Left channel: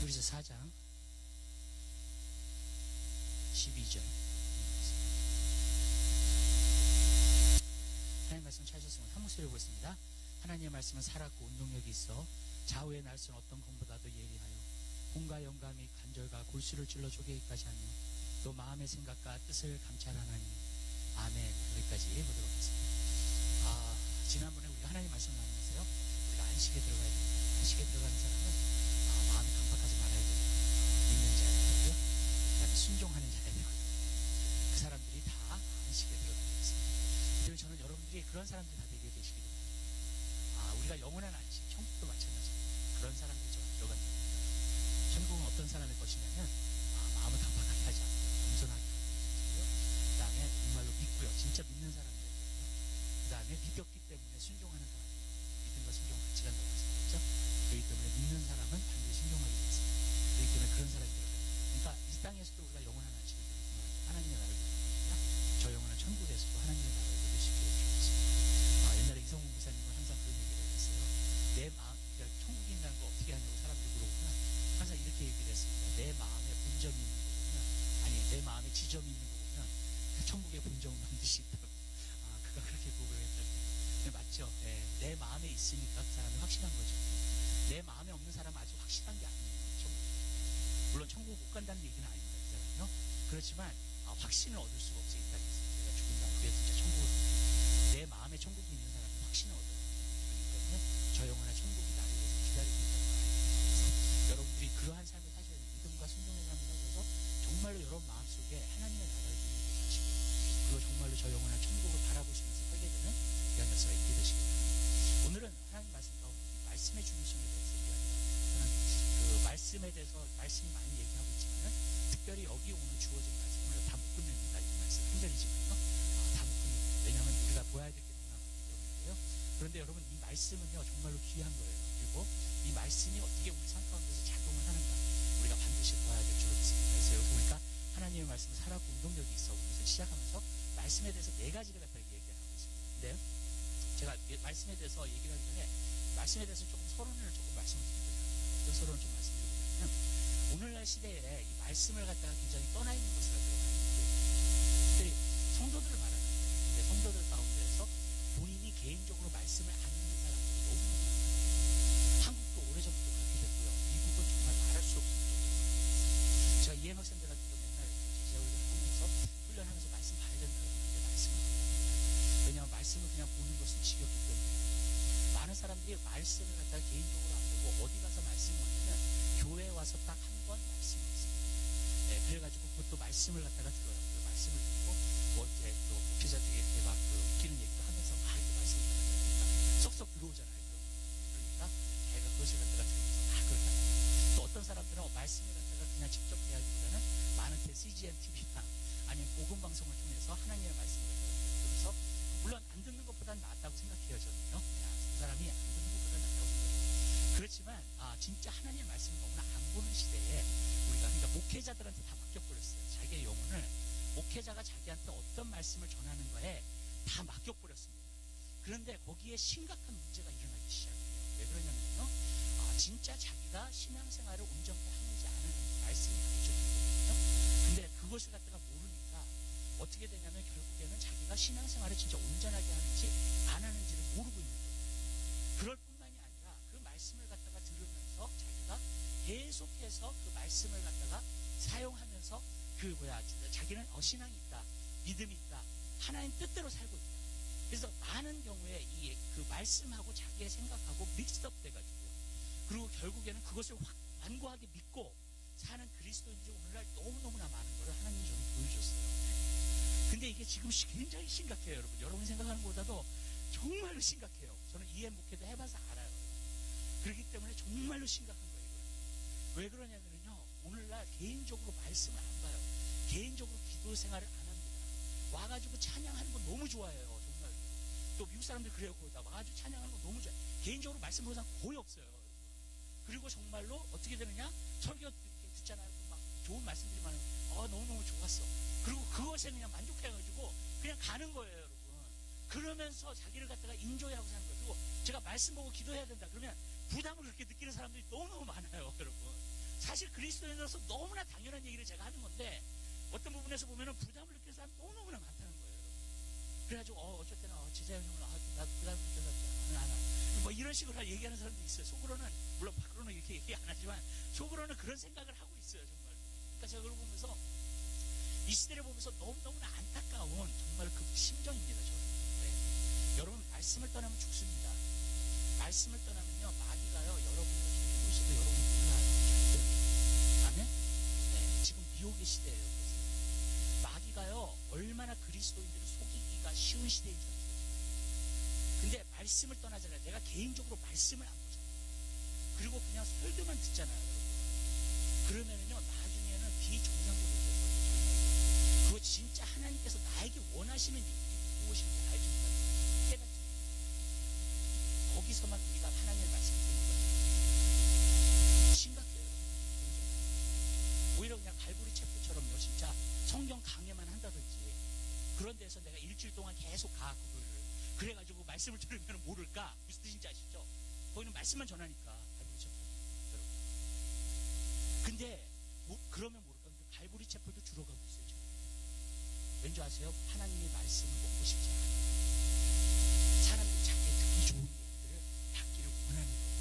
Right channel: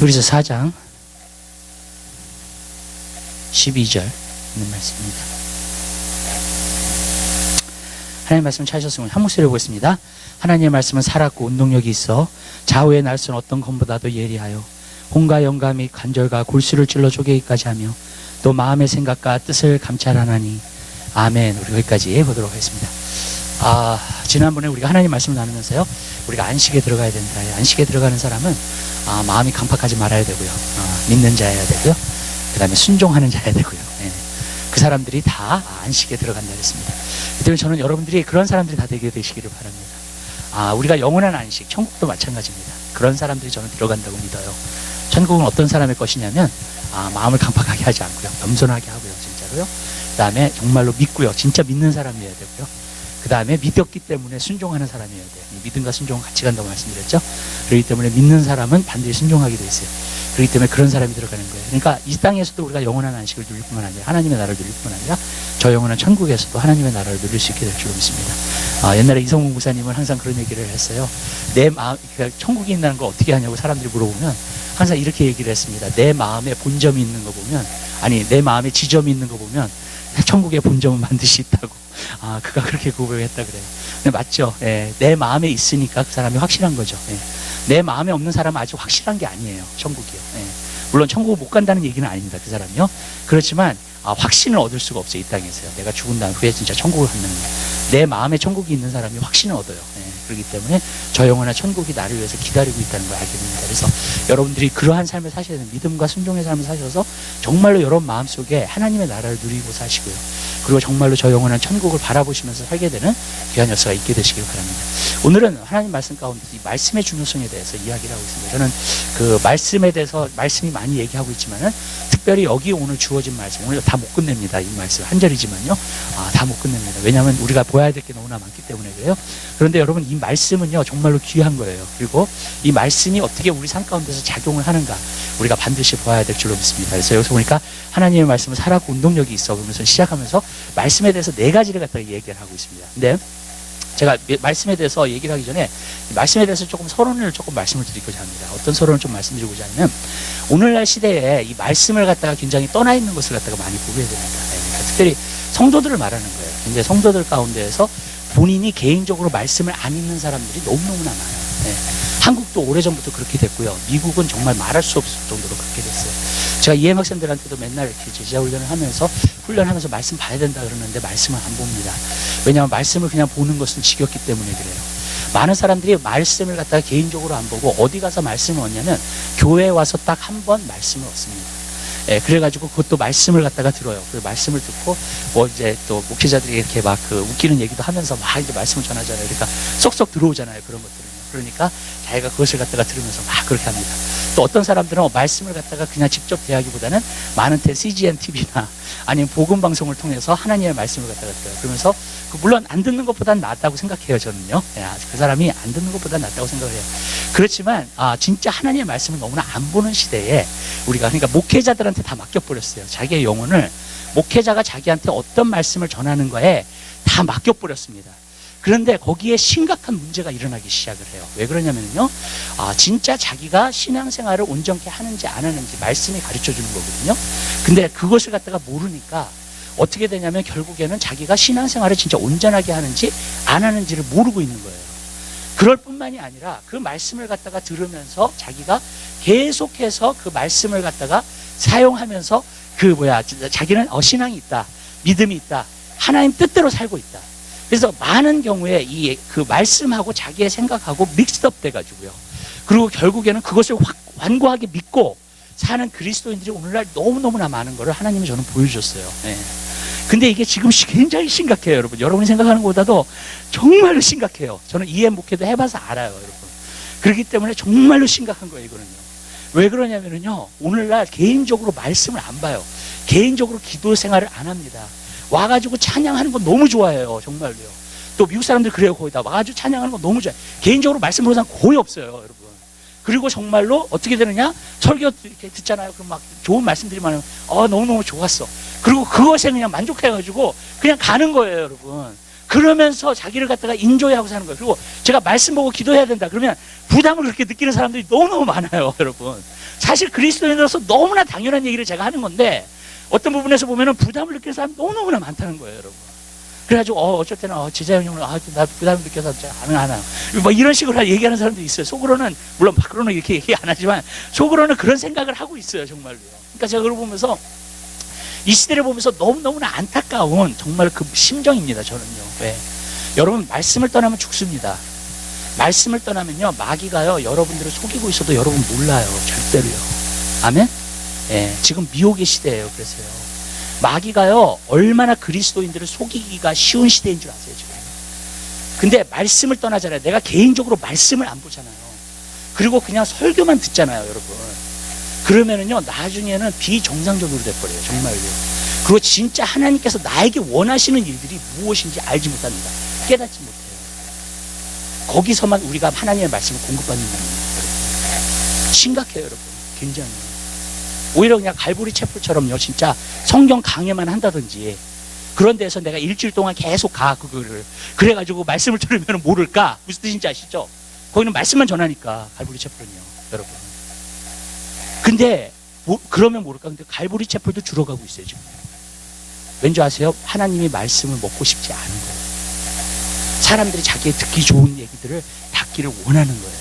히브리서 4장 12절 있는 말씀입니다. 하나님의 말씀 찾으셨으면 한 목소리로 보겠습니다. 하나님의 말씀은 살았고 운동력이 있어 좌우의 날선 어떤 검보다도 예리하여 혼과 영감 및 관절과 골수를 찔러 쪼개기까지 하며 또 마음의 생각과 뜻을 감찰하나니. 아멘. 우리 여기까지 보도록 하겠습니다. 지난번에 우리가 하나님 말씀을 나누면서요, 우리가 안식에 들어가야 된다. 안식에 들어가는 사람은 마음이 강팍하지 말아야 되고요, 믿는 자여야 되고요, 그 다음에 순종하는 자여야 되고요. 그 사람들이 다 안식에 들어간다 그랬습니다. 그때문에 저는 여러분들이 그런 사람들이 다 되게 되시기를 바랍니다. 우리가 영원한 안식, 천국도 마찬가지입니다. 그런 사람들이 저는 들어간다고 믿어요. 천국은 어떤 사람의 것이냐면 마음을 강팍하게 하지 않고요, 겸손하게 하고요, 진짜로요. 그 다음에 정말로 믿고요, 진짜 믿는 사람이어야 되고요. 그 다음에 믿었기 때문에 순종하는 사람이어야 돼요. 믿음과 순종은 같이 간다고 말씀드렸죠. 그렇기 때문에 믿는 사람은 반드시 순종하게 돼 있어요. 그렇기 때문에 그런 사람이 들어가는 거예요. 그러니까 이 땅에서도 우리가 영원한 안식을 누릴 뿐만 아니라 하나님의 나라를 누릴 뿐만 아니라 저 영원한 천국에서도 하나님의 나라를 누릴 수 있게 될 줄로 믿습니다. 옛날에 이성훈 목사님은 항상 그런 얘기를 했어요. 내 마음, 그러니까 천국이 있다는 걸 어떻게 하냐고 사람들이 물어보면 항상 이렇게 얘기를 했습니다. 내 마음에 본점이 있는 거 보면, 내 마음에 지점이 있는 거 보면 천국의 본점은 반드시 있다고. 그가 그렇게 고백했다 그래요. 근데 맞죠? 내 마음에 있으니까 그 사람이 확실한 거죠. 내 마음에 없는 사람은 아직 확실한 게 아니에요, 천국이요. 물론 천국을 못 간다는 얘기는 아닙니다, 그 사람이요. 그렇지만 확신을 얻을 수가 없어요, 이 땅에서요. 내가 죽은 다음 후에 진짜 천국을 갖는 거. 내 마음에 천국이 있는 사람이 확신을 얻어요. 그렇기 때문에 저 영원한 천국이 나를 위해서 기다리고 있다는 걸 알게 됩니다. 그래서 여러분들이 그러한 삶을 사셔야 되는, 믿음과 순종의 삶을 사셔서 정말로 여러분 마음속에 하나님의 나라를 누리고 사시고요, 그리고 정말로 저 영원한 천국을 바라보시면서 살게 되는 귀한 역사가 있게 되시길 바랍니다. 오늘은 하나님 말씀 가운데 이 말씀의 중요성에 대해서 이야기를 하고 있습니다. 저는 그 말씀에 대해서 말씀이 많이 얘기하고 있지만은 특별히 여기 오늘 주어진 말씀, 오늘 다 못 끝냅니다. 이 말씀 한 절이지만요, 다 못 끝냅니다. 왜냐하면 우리가 보아야 될 게 너무나 많기 때문에 그래요. 그런데 여러분, 이 말씀은요 정말로 귀한 거예요. 그리고 이 말씀이 어떻게 우리 삶 가운데서 작용을 하는가 우리가 반드시 보아야 될 줄로 믿습니다. 그래서 여기서 보니까 하나님의 말씀은 살았고 운동력이 있어, 그러면서 시작하면서 말씀에 대해서 4가지를 갖다가 얘기를 하고 있습니다. 근데 제가 말씀에 대해서 얘기를 하기 전에 말씀에 대해서 조금 서론을 조금 말씀을 드리고자 합니다. 어떤 서론을 좀 말씀드리고자 하냐면, 오늘날 시대에 이 말씀을 갖다가 굉장히 떠나 있는 것을 갖다가 많이 보게 됩니다. 그러니까 특별히 성도들을 말하는 거예요. 근데 성도들 가운데에서 본인이 개인적으로 말씀을 안 읽는 사람들이 너무너무나 많아요. 한국도 오래전부터 그렇게 됐고요, 미국은 정말 말할 수 없을 정도로 그렇게 됐어요. 제가 EM 학생들한테도 맨날 이렇게 제자 훈련을 하면서 말씀 봐야 된다 그러는데 말씀을 안 봅니다. 왜냐하면 말씀을 그냥 보는 것은 지겹기 때문에 그래요. 많은 사람들이 말씀을 갖다가 개인적으로 안 보고 어디 가서 말씀을 얻냐면 교회에 와서 딱 한 번 말씀을 얻습니다. 그래가지고 그것도 말씀을 갖다가 들어요. 그 말씀을 듣고 이제 또 목회자들이 이렇게 막 웃기는 얘기도 하면서 막 이제 말씀을 전하잖아요. 그러니까 쏙쏙 들어오잖아요, 그런 것들은요. 그러니까 자기가 그것을 갖다가 들으면서 막 그렇게 합니다. 또 어떤 사람들은 말씀을 갖다가 그냥 직접 대하기보다는 많은 CGN TV나 아니면 복음 방송을 통해서 하나님의 말씀을 갖다가 들어요. 그러면서 물론 안 듣는 것보다는 낫다고 생각해요, 저는요. 그 사람이 안 듣는 것보다는 낫다고 생각을 해요. 그렇지만 진짜 하나님의 말씀을 너무나 안 보는 시대에 우리가, 그러니까 목회자들한테 다 맡겨버렸어요. 자기의 영혼을 목회자가 자기한테 어떤 말씀을 전하는 거에 다 맡겨버렸습니다. 그런데 거기에 심각한 문제가 일어나기 시작을 해요. 왜 그러냐면요, 진짜 자기가 신앙생활을 온전케 하는지 안 하는지 말씀이 가르쳐 주는 거거든요. 근데 그것을 갖다가 모르니까 어떻게 되냐면 결국에는 자기가 신앙생활을 진짜 온전하게 하는지 안 하는지를 모르고 있는 거예요. 그럴 뿐만이 아니라 그 말씀을 갖다가 들으면서 자기가 계속해서 그 말씀을 갖다가 사용하면서 자기는 신앙이 있다, 믿음이 있다, 하나님 뜻대로 살고 있다. 그래서 많은 경우에 그 말씀하고 자기의 생각하고 믹스업 돼가지고요, 그리고 결국에는 그것을 완고하게 믿고 사는 그리스도인들이 오늘날 너무너무나 많은 거를 하나님이 저는 보여주셨어요. 근데 이게 지금 굉장히 심각해요, 여러분. 여러분이 생각하는 것보다도 정말로 심각해요. 저는 EM 목회도 해봐서 알아요, 여러분. 그렇기 때문에 정말로 심각한 거예요, 이거는요. 왜 그러냐면요, 오늘날 개인적으로 말씀을 안 봐요. 개인적으로 기도 생활을 안 합니다. 와가지고 찬양하는 거 너무 좋아해요, 정말로요. 또 미국 사람들 그래요, 거의 다 와가지고 찬양하는 거 너무 좋아해요. 개인적으로 말씀 보는 사람 거의 없어요, 여러분. 그리고 정말로 어떻게 되느냐, 설교 이렇게 듣잖아요. 그럼 막 좋은 말씀들이 많으면 너무너무 좋았어. 그리고 그것에 그냥 만족해가지고 그냥 가는 거예요, 여러분. 그러면서 자기를 갖다가 인조해하고 사는 거예요. 그리고 제가 말씀 보고 기도해야 된다 그러면 부담을 그렇게 느끼는 사람들이 너무너무 많아요, 여러분. 사실 그리스도인으로서 너무나 당연한 얘기를 제가 하는 건데 어떤 부분에서 보면은 부담을 느끼는 사람이 너무너무나 많다는 거예요, 여러분. 그래가지고 어쩔 때는 제자 형님은 나 부담을 느껴서 안 하나 뭐 이런 식으로 얘기하는 사람도 있어요. 속으로는 물론 밖으로는 이렇게 얘기 안 하지만 속으로는 그런 생각을 하고 있어요, 정말로요. 그러니까 제가 그걸 보면서 이 시대를 보면서 너무너무나 안타까운 정말 그 심정입니다, 저는요. 왜? 여러분, 말씀을 떠나면 죽습니다. 말씀을 떠나면요, 마귀가요, 여러분들을 속이고 있어도 여러분 몰라요, 절대로요. 아멘? 예, 지금 미혹의 시대예요, 그래서요. 마귀가요, 얼마나 그리스도인들을 속이기가 쉬운 시대인 줄 아세요, 지금? 근데 말씀을 떠나잖아요. 내가 개인적으로 말씀을 안 보잖아요. 그리고 그냥 설교만 듣잖아요, 여러분. 그러면은요, 나중에는 비정상적으로 돼버려요, 정말요. 그리고 진짜 하나님께서 나에게 원하시는 일들이 무엇인지 알지 못합니다. 깨닫지 못해요. 거기서만 우리가 하나님의 말씀을 공급받는 겁니다, 여러분. 심각해요, 여러분. 굉장히. 오히려 그냥 갈보리 채플처럼요, 진짜 성경 강해만 한다든지 그런 데서 내가 일주일 동안 계속 그거를. 그래가지고 말씀을 들으면 모를까? 무슨 뜻인지 아시죠? 거기는 말씀만 전하니까, 갈보리 채플은요, 여러분. 근데 그러면 모를까? 근데 갈보리 채플도 줄어가고 있어요, 지금. 왠지 아세요? 하나님이 말씀을 먹고 싶지 않은 거예요. 사람들이 자기의 듣기 좋은 얘기들을 받기를 원하는 거예요,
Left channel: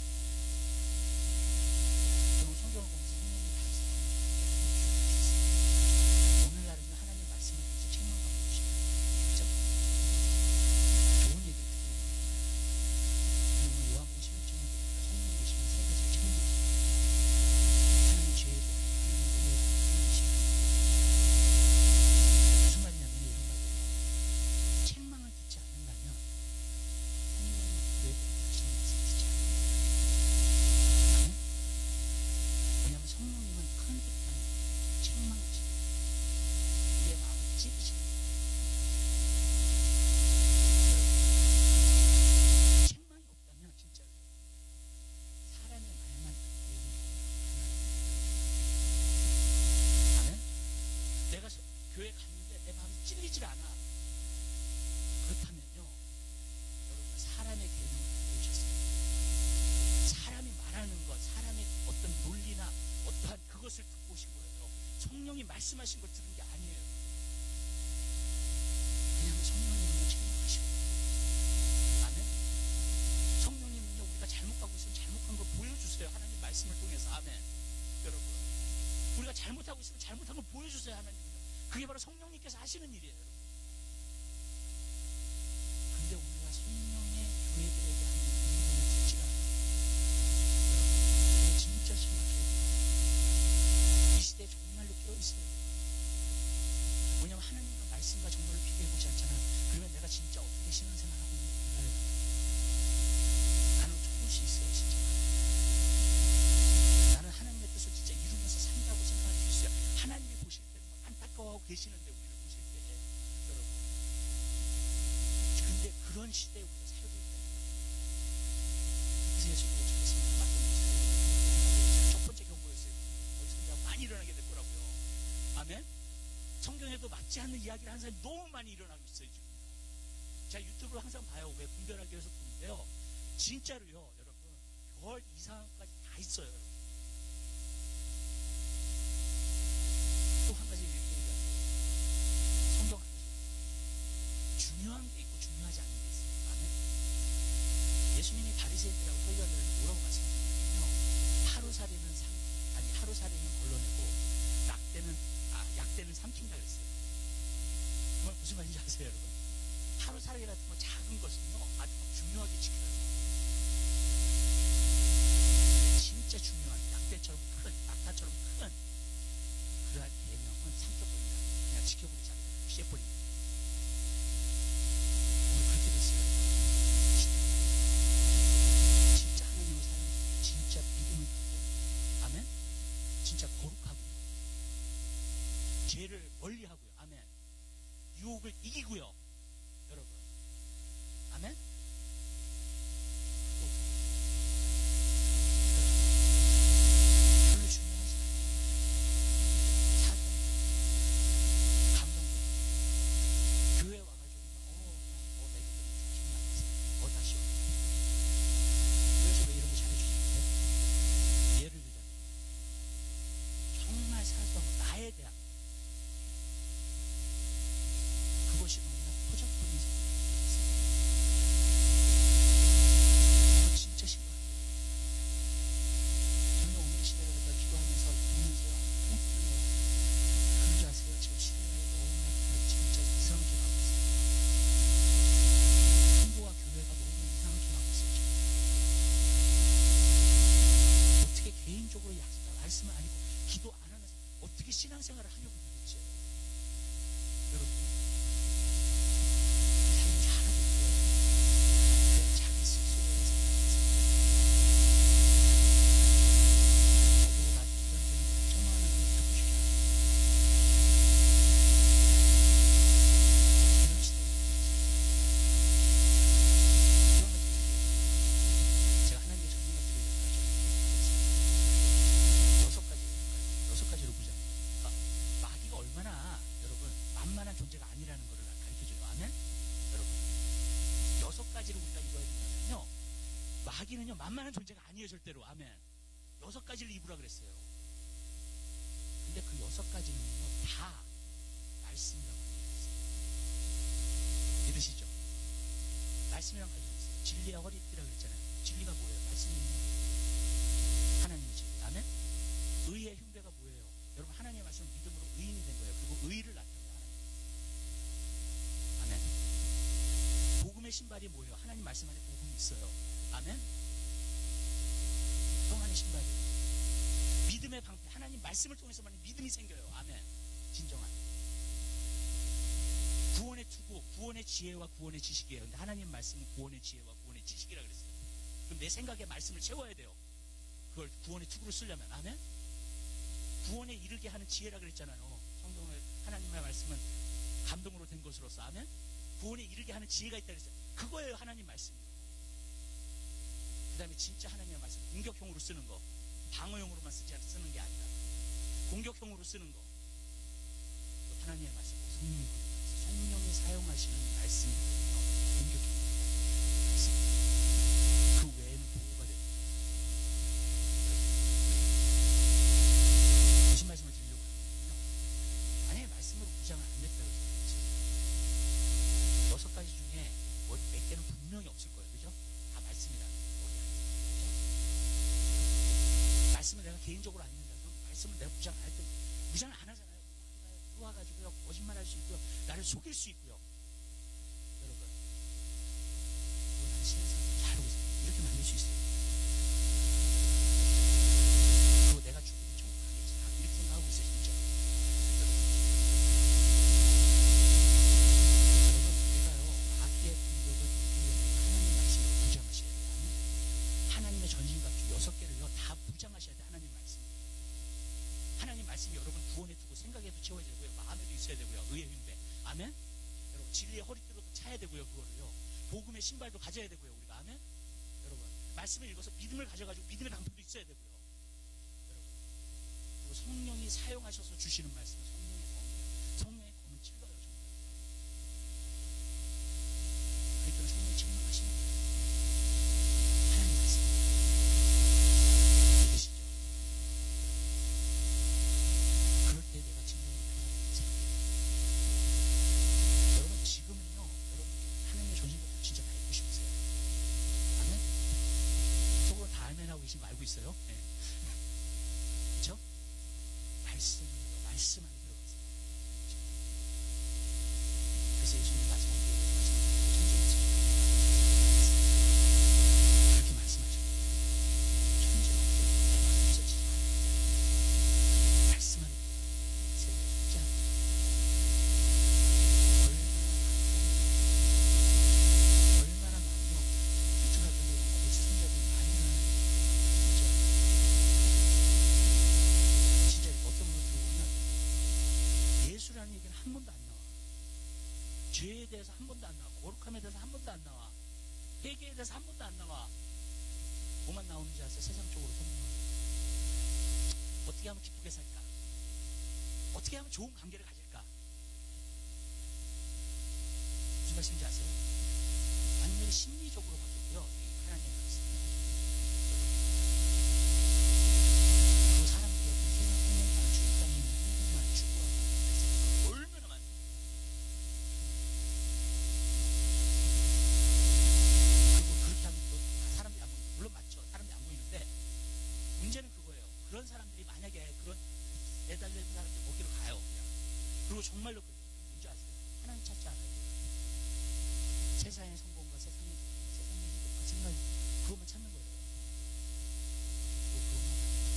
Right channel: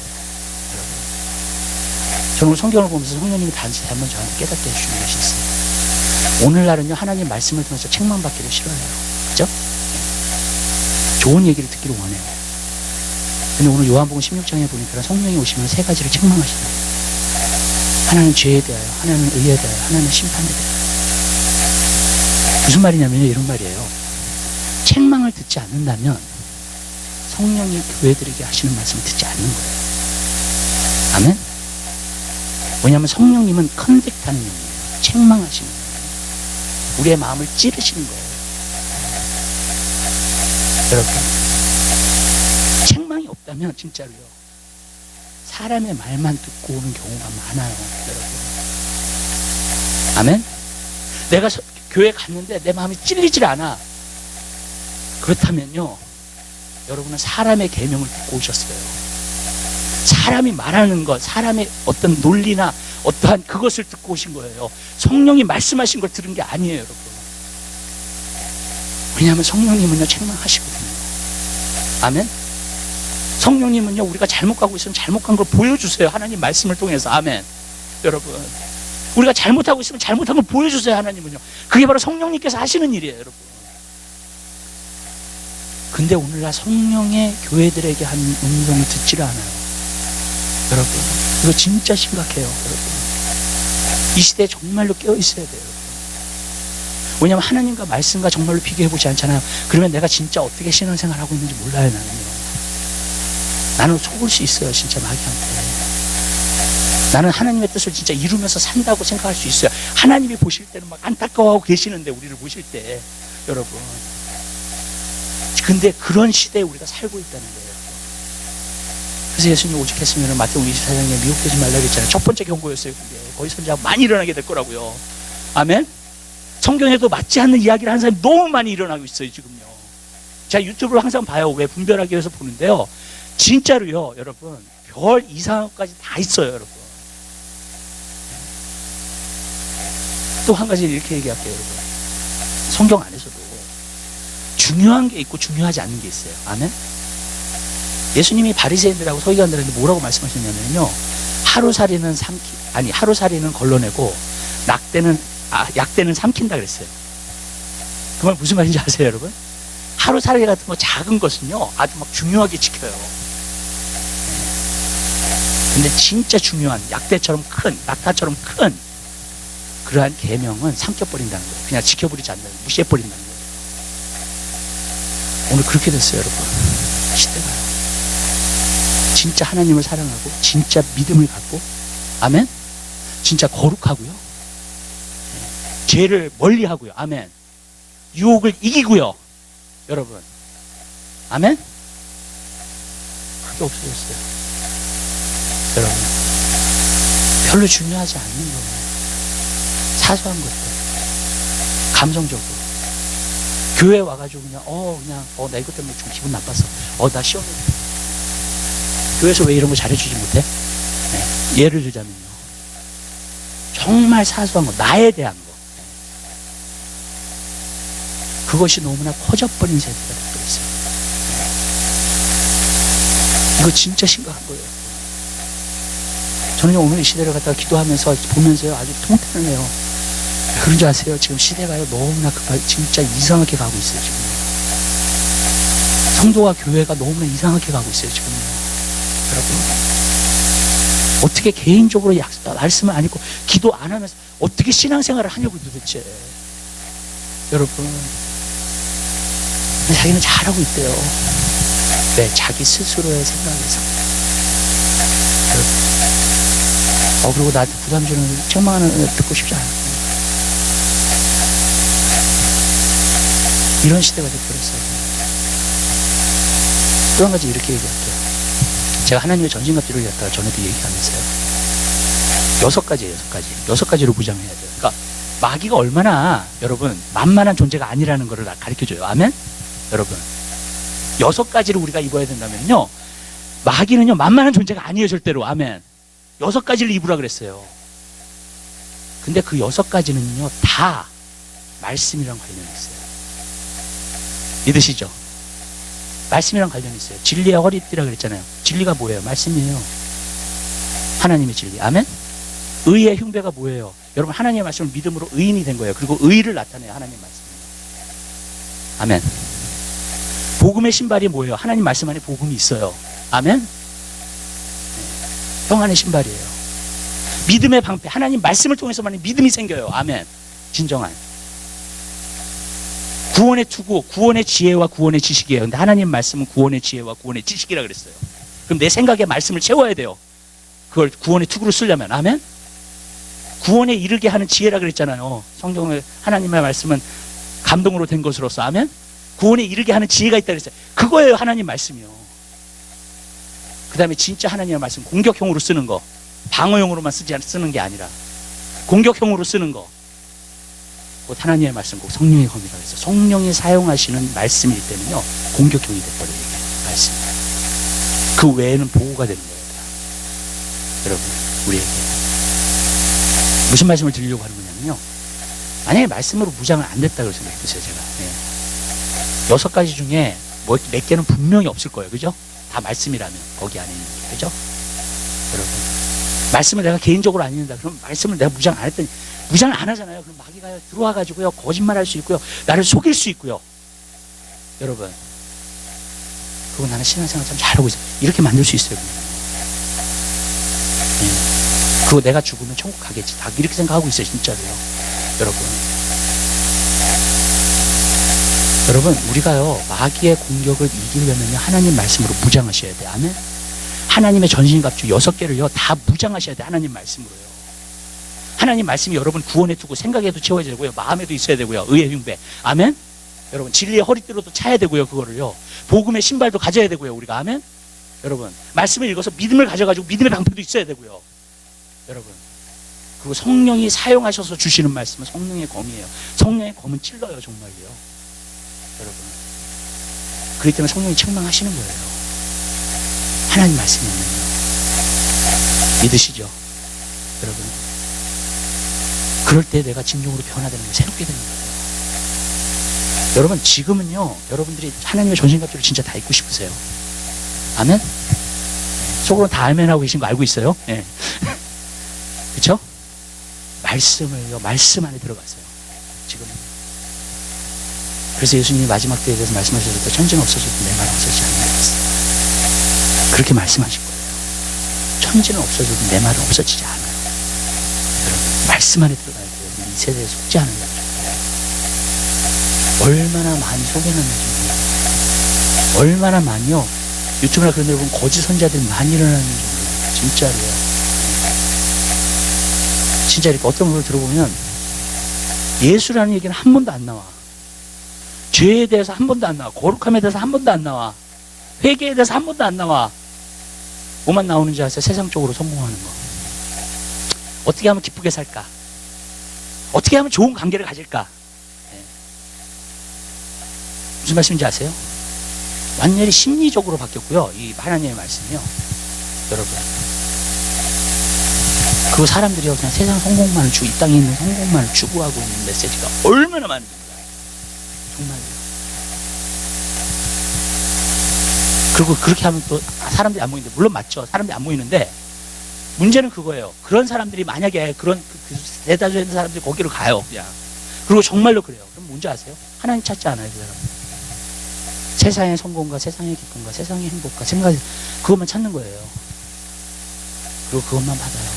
여러분. 저는 성경을 보면서 성령님이 다시 한번 저한테 깨닫게 해주시는 것이 있어요. 오늘날은요, 하나님 말씀을 통해서 책만 받기를 싫어해요. 그죠? 좋은 얘기를 듣기를 원해요. 근데 오늘 요한복음 16장에 보니까 성령이 오시면 세 가지를 책망하시네요. 하나는 죄에 대하여, 하나는 의에 대하여, 하나는 심판에 대하여. 무슨 말이냐면요, 이런 말이에요. 책망을 듣지 않는다면 성령이 교회들에게 하시는 말씀을 듣지 않는 거예요. 아멘? 왜냐하면 성령님은 컨택하는 영이에요. 책망하시는 거예요. 우리의 마음을 찌르시는 거예요. 여러분, 책망이 없다면 진짜로요, 사람의 말만 듣고 오는 경우가 많아요, 여러분. 아멘? 내가 교회 갔는데 내 마음이 찔리질 않아. 그렇다면요, 여러분은 사람의 계명을 듣고 오셨어요. 사람이 말하는 것, 사람의 어떤 논리나 어떠한 그것을 듣고 오신 거예요. 성령이 말씀하신 걸 들은 게 아니에요, 여러분. 왜냐하면 성령님은요, 책망하시거든요. 아멘? 성령님은요, 우리가 잘못 가고 있으면 잘못 간 걸 보여주세요, 하나님 말씀을 통해서. 아멘. 여러분, 우리가 잘못하고 있으면 잘못한 걸 보여주세요, 하나님은요. 그게 바로 성령님께서 하시는 일이에요, 여러분. 근데 오늘날 성령의 교회들에게 한 음성을 듣지를 않아요, 여러분. 이거 진짜 심각해요, 여러분. 이 시대에 정말로 깨어있어야 돼요, 여러분. 왜냐하면 하나님과 말씀과 정말로 비교해보지 않잖아요. 그러면 내가 진짜 어떻게 신앙생활을 하고 있는지 몰라요, 나는요. 나는 속을 수 있어요, 진짜 마귀한테. 나는 하나님의 뜻을 진짜 이루면서 산다고 생각할 수 있어요. 하나님이 보실 때는 막 안타까워하고 계시는데, 우리를 보실 때, 여러분. 근데 그런 시대에 우리가 살고 있다는 거예요. 그래서 예수님이 오직했으면 마태복음 24장에 미혹되지 말라고 했잖아요. 첫 번째 경고였어요, 그게. 거기 선지자가 많이 일어나게 될 거라고요. 아멘? 성경에도 맞지 않는 이야기를 하는 사람이 너무 많이 일어나고 있어요, 지금요. 제가 유튜브를 항상 봐요. 왜 분별하기 위해서 보는데요. 진짜로요, 여러분. 별 이상한 것까지 다 있어요, 여러분. 또 한 가지 이렇게 얘기할게요, 여러분. 성경 안에서도 중요한 게 있고 중요하지 않는 게 있어요. 아멘? 예수님이 바리새인들하고 서기관들한테 뭐라고 말씀하셨냐면요, 하루살이는 걸러내고 약대는 삼킨다 그랬어요. 그 말 무슨 말인지 아세요, 여러분? 하루살이 같은 거 작은 것은요, 아주 막 중요하게 지켜요. 근데 진짜 중요한 약대처럼 큰, 낙타처럼 큰 그러한 계명은 삼켜버린다는 거예요. 그냥 지켜버리지 않는, 무시해버린다는 거예요. 오늘 그렇게 됐어요, 여러분. 시대가요. 진짜 하나님을 사랑하고 진짜 믿음을 갖고, 아멘? 진짜 거룩하고요, 죄를 멀리하고요, 아멘. 유혹을 이기고요, 여러분. 아멘? 그게 없어졌어요, 여러분. 별로 중요하지 않는 거예요. 사소한 것들, 감성적으로. 교회 와가지고 그냥 나 이것 때문에 좀 기분 나빴어. 나 시험에 교회에서 왜 이런 거 잘해주지 못해? 네. 예를 들자면요. 정말 사소한 거, 나에 대한 거. 그것이 너무나 커져버린 세대가 되고 있어요. 이거 진짜 심각한 거예요. 저는 오늘 이 시대를 갖다가 기도하면서 보면서요, 아주 통탄을 해요. 그런 줄 아세요? 지금 시대가요, 너무나 진짜 이상하게 가고 있어요, 지금. 성도와 교회가 너무나 이상하게 가고 있어요, 지금. 여러분. 어떻게 개인적으로 말씀을 안 읽고 기도 안 하면서 어떻게 신앙생활을 하냐고 도대체. 여러분. 자기는 잘하고 있대요. 네, 자기 스스로의 생각에서. 그리고 나한테 부담 주는 책망하는 듣고 싶지 않아요. 이런 시대가 되어버렸어요. 또 한 가지 이렇게 얘기할게요. 제가 하나님의 전신갑주를 갖다가 전에도 얘기하면서요. 6가지예요, 6가지. 6가지로 무장해야 돼요. 그러니까 마귀가 얼마나 여러분 만만한 존재가 아니라는 것을 가르쳐줘요. 아멘? 여러분 6가지를 우리가 입어야 된다면요, 마귀는요 만만한 존재가 아니에요, 절대로. 아멘. 6가지를 입으라 그랬어요. 근데 그 6가지는요 다 말씀이랑 관련이 있어요. 믿으시죠? 말씀이랑 관련이 있어요. 진리의 허리띠라 그랬잖아요. 진리가 뭐예요? 말씀이에요. 하나님의 진리. 아멘? 의의 흉배가 뭐예요? 여러분 하나님의 말씀을 믿음으로 의인이 된 거예요. 그리고 의를 나타내요, 하나님의 말씀이에요. 아멘. 복음의 신발이 뭐예요? 하나님 말씀 안에 복음이 있어요. 아멘? 평안의 신발이에요. 믿음의 방패, 하나님 말씀을 통해서만 믿음이 생겨요. 아멘. 진정한 구원의 투구, 구원의 지혜와 구원의 지식이에요. 근데 하나님 말씀은 구원의 지혜와 구원의 지식이라 그랬어요. 그럼 내 생각에 말씀을 채워야 돼요. 그걸 구원의 투구로 쓰려면. 아멘. 구원에 이르게 하는 지혜라 그랬잖아요. 성경의 하나님의 말씀은 감동으로 된 것으로서. 아멘. 구원에 이르게 하는 지혜가 있다 그랬어요. 그거예요, 하나님 말씀이요. 그 다음에 진짜 하나님의 말씀, 공격형으로 쓰는 거, 방어용으로만 쓰는 게 아니라 공격형으로 쓰는 거. 곧 하나님의 말씀, 꼭 성령의 검이라 그랬어요. 성령이 사용하시는 말씀일 때는요 공격형이 돼버려요. 말씀. 그 외에는 보호가 되는 거예요. 여러분, 우리에게 무슨 말씀을 드리려고 하는 거냐면요, 만약에 말씀으로 무장을 안 됐다고 생각해보세요. 제가 6가지 중에 몇 개는 분명히 없을 거예요. 그죠? 다 말씀이라면, 거기 안에 있는 게. 그죠? 여러분, 말씀을 내가 개인적으로 안 읽는다 그럼 말씀을 내가 무장 안 했더니, 무장을 안 하잖아요. 그럼 마귀가 들어와가지고요 거짓말할 수 있고요, 나를 속일 수 있고요. 여러분, 그거 나는 신앙생활 참 잘하고 있어요, 이렇게 만들 수 있어요. 그거 내가 죽으면 천국 가겠지, 다 이렇게 생각하고 있어요. 진짜로요. 여러분, 우리가요 마귀의 공격을 이기려면요 하나님 말씀으로 무장하셔야 돼요. 아멘. 하나님의 전신갑주 6개를요 다 무장하셔야 돼요. 하나님 말씀으로요. 하나님 말씀이 여러분 구원에 두고 생각에도 채워야 되고요, 마음에도 있어야 되고요, 의의 흉배. 아멘. 여러분, 진리의 허리띠로도 차야 되고요, 그거를요. 복음의 신발도 가져야 되고요, 우리가. 아멘. 여러분, 말씀을 읽어서 믿음을 가져가지고 믿음의 방패도 있어야 되고요. 여러분, 그리고 성령이 사용하셔서 주시는 말씀은 성령의 검이에요. 성령의 검은 찔러요, 정말요. 여러분, 그렇기 때문에 성령이 책망하시는 거예요. 하나님 말씀이면요. 믿으시죠? 여러분, 그럴 때 내가 진정으로 변화되는 거예요. 새롭게 되는 거예요. 여러분, 지금은요 여러분들이 하나님의 전신갑주를 진짜 다 입고 싶으세요. 아멘? 속으로 다 아멘하고 계신 거 알고 있어요? 네. 그렇죠? 말씀을요, 말씀 안에 들어가세요. 지금. 그래서 예수님이 마지막 때에 대해서 말씀하셨을 때, 천지는 없어져도 내 말 없어지지 않는다 그랬어요. 그렇게 말씀하실 거예요. 천지는 없어져도 내 말은 없어지지 않아요. 여러분, 말씀 안에 들어가야 돼요. 이 세대에 속지 않은 거죠. 얼마나 많이 속여놨는지 몰라요. 얼마나 많이요, 유튜브나 그런 데 보면 거짓 선자들이 많이 일어나는지 몰라요. 진짜로요. 진짜 이렇게 어떤 걸 들어보면 예수라는 얘기는 한 번도 안 나와. 죄에 대해서 한 번도 안 나와. 거룩함에 대해서 한 번도 안 나와. 회개에 대해서 한 번도 안 나와. 뭐만 나오는지 아세요? 세상적으로 성공하는 거. 어떻게 하면 기쁘게 살까? 어떻게 하면 좋은 관계를 가질까? 무슨 말씀인지 아세요? 완전히 심리적으로 바뀌었고요. 이 하나님의 말씀이요. 여러분. 그 사람들이요. 그냥 세상 성공만을 이 땅에 있는 성공만을 추구하고 있는 메시지가 얼마나 많은지 몰라요. 정말요. 그리고 그렇게 하면 또 사람들이 안 모이는데, 물론 맞죠. 사람들이 안 모이는데, 문제는 그거예요. 그런 사람들이 만약에 그런 대다수의 사람들이 거기로 가요. 그냥. 그리고 정말로 그래요. 그럼 뭔지 아세요? 하나님 찾지 않아요. 그 사람은. 세상의 성공과 세상의 기쁨과 세상의 행복과 생각, 그것만 찾는 거예요. 그리고 그것만 받아요.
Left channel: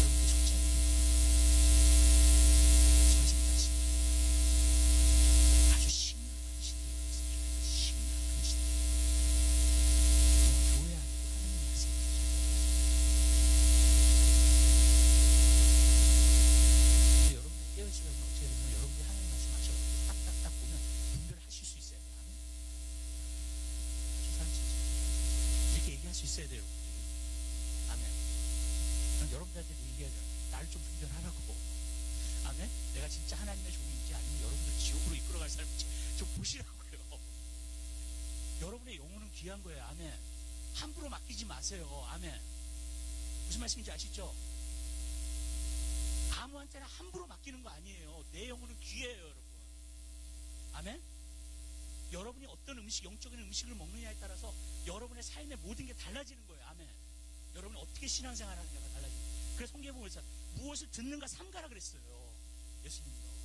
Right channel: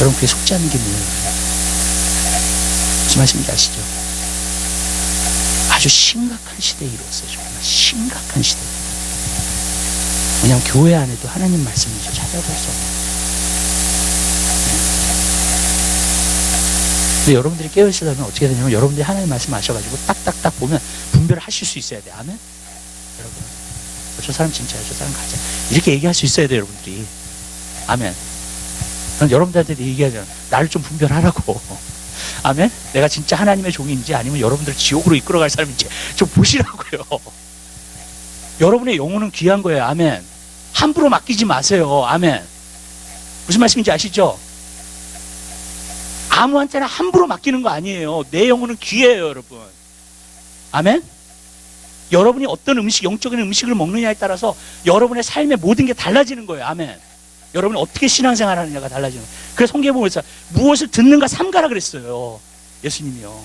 여러분, 그게 속지 않는 게 뭐예요? 무슨 말씀인지 아시죠? 아주 심각한 시대에 이루었어요. 정말 심각한 시대. 왜냐하면 교회 안에도 하나님 말씀을 찾아볼 수 없는. 근데 여러분들이 깨어있으려면 어떻게 되냐면, 여러분들이 하나님 말씀 아셔가지고 딱딱딱 보면 분별을 하실 수 있어야 돼. 아멘? 여러분, 저 사람 진짜야, 저 사람 가짜, 이렇게 얘기할 수 있어야 돼요, 여러분들이. 아멘. 난 여러분들한테 얘기하잖아. 나를 좀 분별하라고. 아멘? 내가 진짜 하나님의 종인지 아니면 여러분들을 지옥으로 이끌어갈 사람인지 좀 보시라고요. 여러분의 영혼은 귀한 거예요. 아멘. 함부로 맡기지 마세요. 아멘. 무슨 말씀인지 아시죠? 아무한테나 함부로 맡기는 거 아니에요. 내 영혼은 귀해요, 여러분. 아멘? 여러분이 어떤 음식, 영적인 음식을 먹느냐에 따라서 여러분의 삶의 모든 게 달라지는 거예요. 아멘. 여러분이 어떻게 신앙생활 하느냐가 달라지는 거예요. 그래서 성경에 보면 무엇을 듣는가 삼가라 그랬어요. 예수님이요.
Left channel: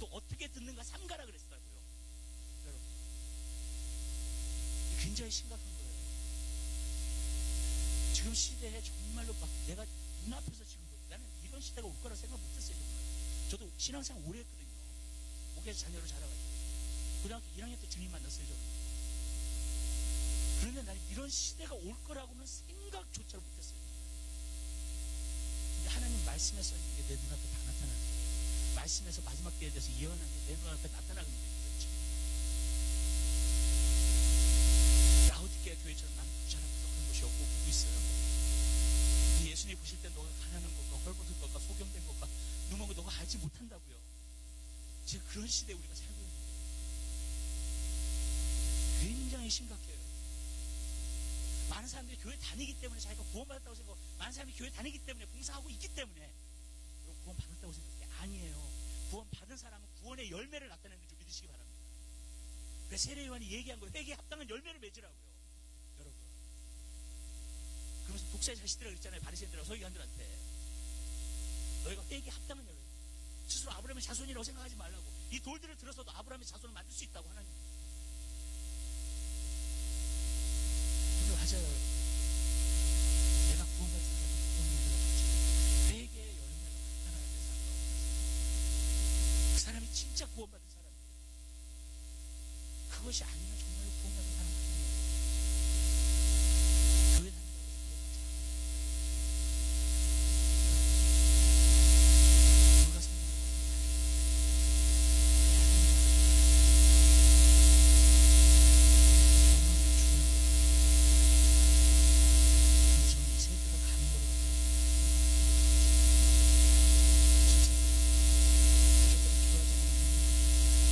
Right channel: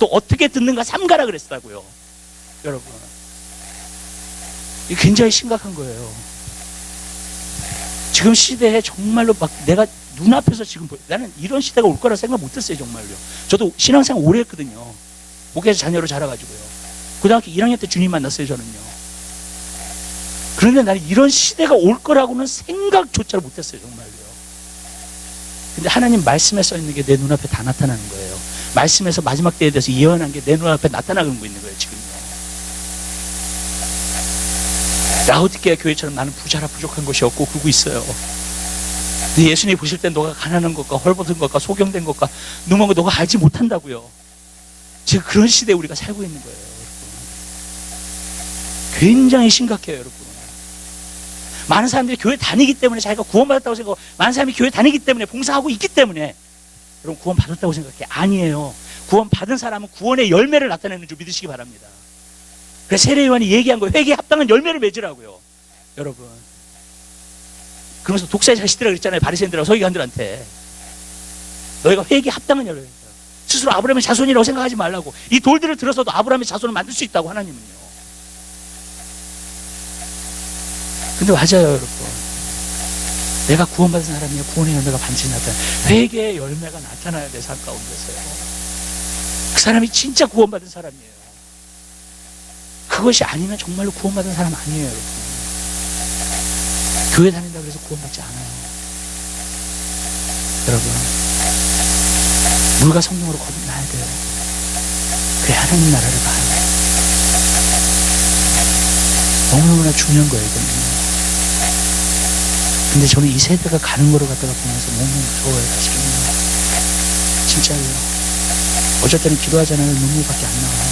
또 어떻게 듣는가 삼가라 그랬다고요. 여러분. 이게 굉장히 심각한 거예요. 지금 시대에 정말로 막 내가 눈앞에서 지금 나는 이런 시대가 올 거라 생각 못 했어요. 정말요. 저도 신앙생활 오래 했거든요. 목회에서 자녀로 자라가지고요. 고등학교 1학년 때 주님 만났어요. 저는요. 그런데 나는 이런 시대가 올 거라고는 생각조차 못 했어요. 정말요. 근데 하나님 말씀에 써 있는 게 내 눈앞에 다 나타나는 거예요. 말씀에서 마지막 때에 대해서 예언한 게 내 눈앞에 나타나고 있는 거예요. 지금요. 라오디게아 교회처럼 나는 부자라 부족한 것이 없고 그러고 있어요. 근데 예수님이 보실 때 너가 가난한 것과 헐벗은 것과 소경된 것과 누먼 거 너가 알지 못한다고요. 지금 그런 시대에 우리가 살고 있는 거예요. 여러분. 굉장히 심각해요. 여러분. 많은 사람들이 교회 다니기 때문에 자기가 구원받았다고 생각하고, 많은 사람이 교회 다니기 때문에 봉사하고 있기 때문에 여러분 구원받았다고 생각해. 아니에요. 구원받은 사람은 구원의 열매를 나타내는 줄 믿으시기 바랍니다. 그래서 세례요한이 얘기한 거예요. 회개에 합당한 열매를 맺으라고요. 여러분. 그러면서 독사의 자식들이라고 그랬잖아요. 바리새인들하고 서기관들한테. 너희가 회개에 합당한 열매를 맺으라. 스스로 아브라함의 자손이라고 생각하지 말라고. 이 돌들을 들어서도 아브라함의 자손을 만들 수 있다고 하나님은요. 근데 맞아요, 여러분. 내가 구원받은 사람이야. 구원의 열매가 반드시 나타나요. 회개의 열매가 나타나야 돼, 삶 가운데서요. 그 사람이 진짜 구원받은 사람이에요. 그것이 아니면 정말로 구원받은 사람 아니에요, 여러분. 교회 다닌다고 해서 구원받지 않아요. 여러분, 물과 성령으로 거듭나야 돼요. 그래 하나님 나라를 봐요. 너무너무나 중요한 거예요, 이거는요. 근데 저는 이 세대가 가는 거를 갖다가 보면서 너무 무서워요, 사실은요. 진짜요. 어쩔 때는 기도하잖아요. 눈물밖에 안 나와요.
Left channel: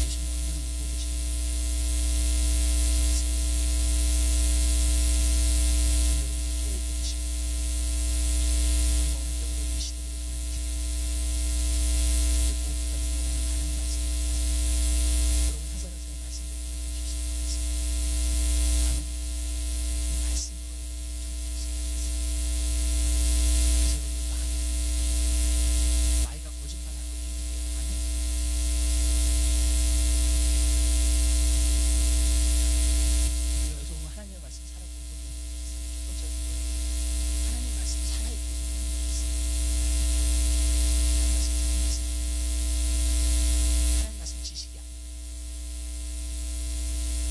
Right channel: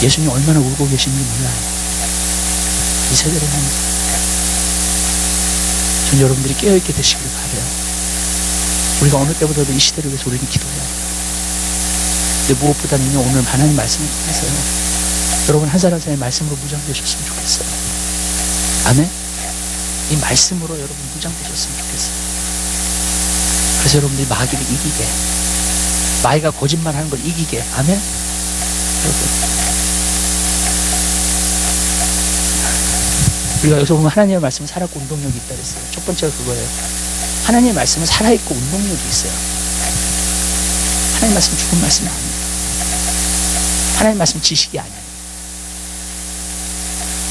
예수님 얼마나 울고 계시는지 몰라요. 이 세대를 향해서. 전 여러분들이 깨어있게 되시기를 바라요. 우리가 어느 때보다도 이 시대를 위해서 우리는 기도해야 돼요. 근데 무엇보다는 오늘 하나님 말씀을 통해서요. 여러분 한 사람 한 사람의 말씀으로 무장되셨으면 좋겠어요. 아멘? 이 말씀으로 여러분 무장되셨으면 좋겠어요. 그래서 여러분들이 마귀를 이기게, 마귀가 거짓말하는 걸 이기게. 아멘? 여러분, 우리가 여기서 보면 하나님의 말씀은 살아있고 운동력이 있다 그랬어요. 첫 번째가 그거예요. 하나님의 말씀은 살아있고 운동력이 있어요. 하나님의 말씀은 죽은 말씀이 아니에요. 하나님의 말씀은 지식이 아니에요.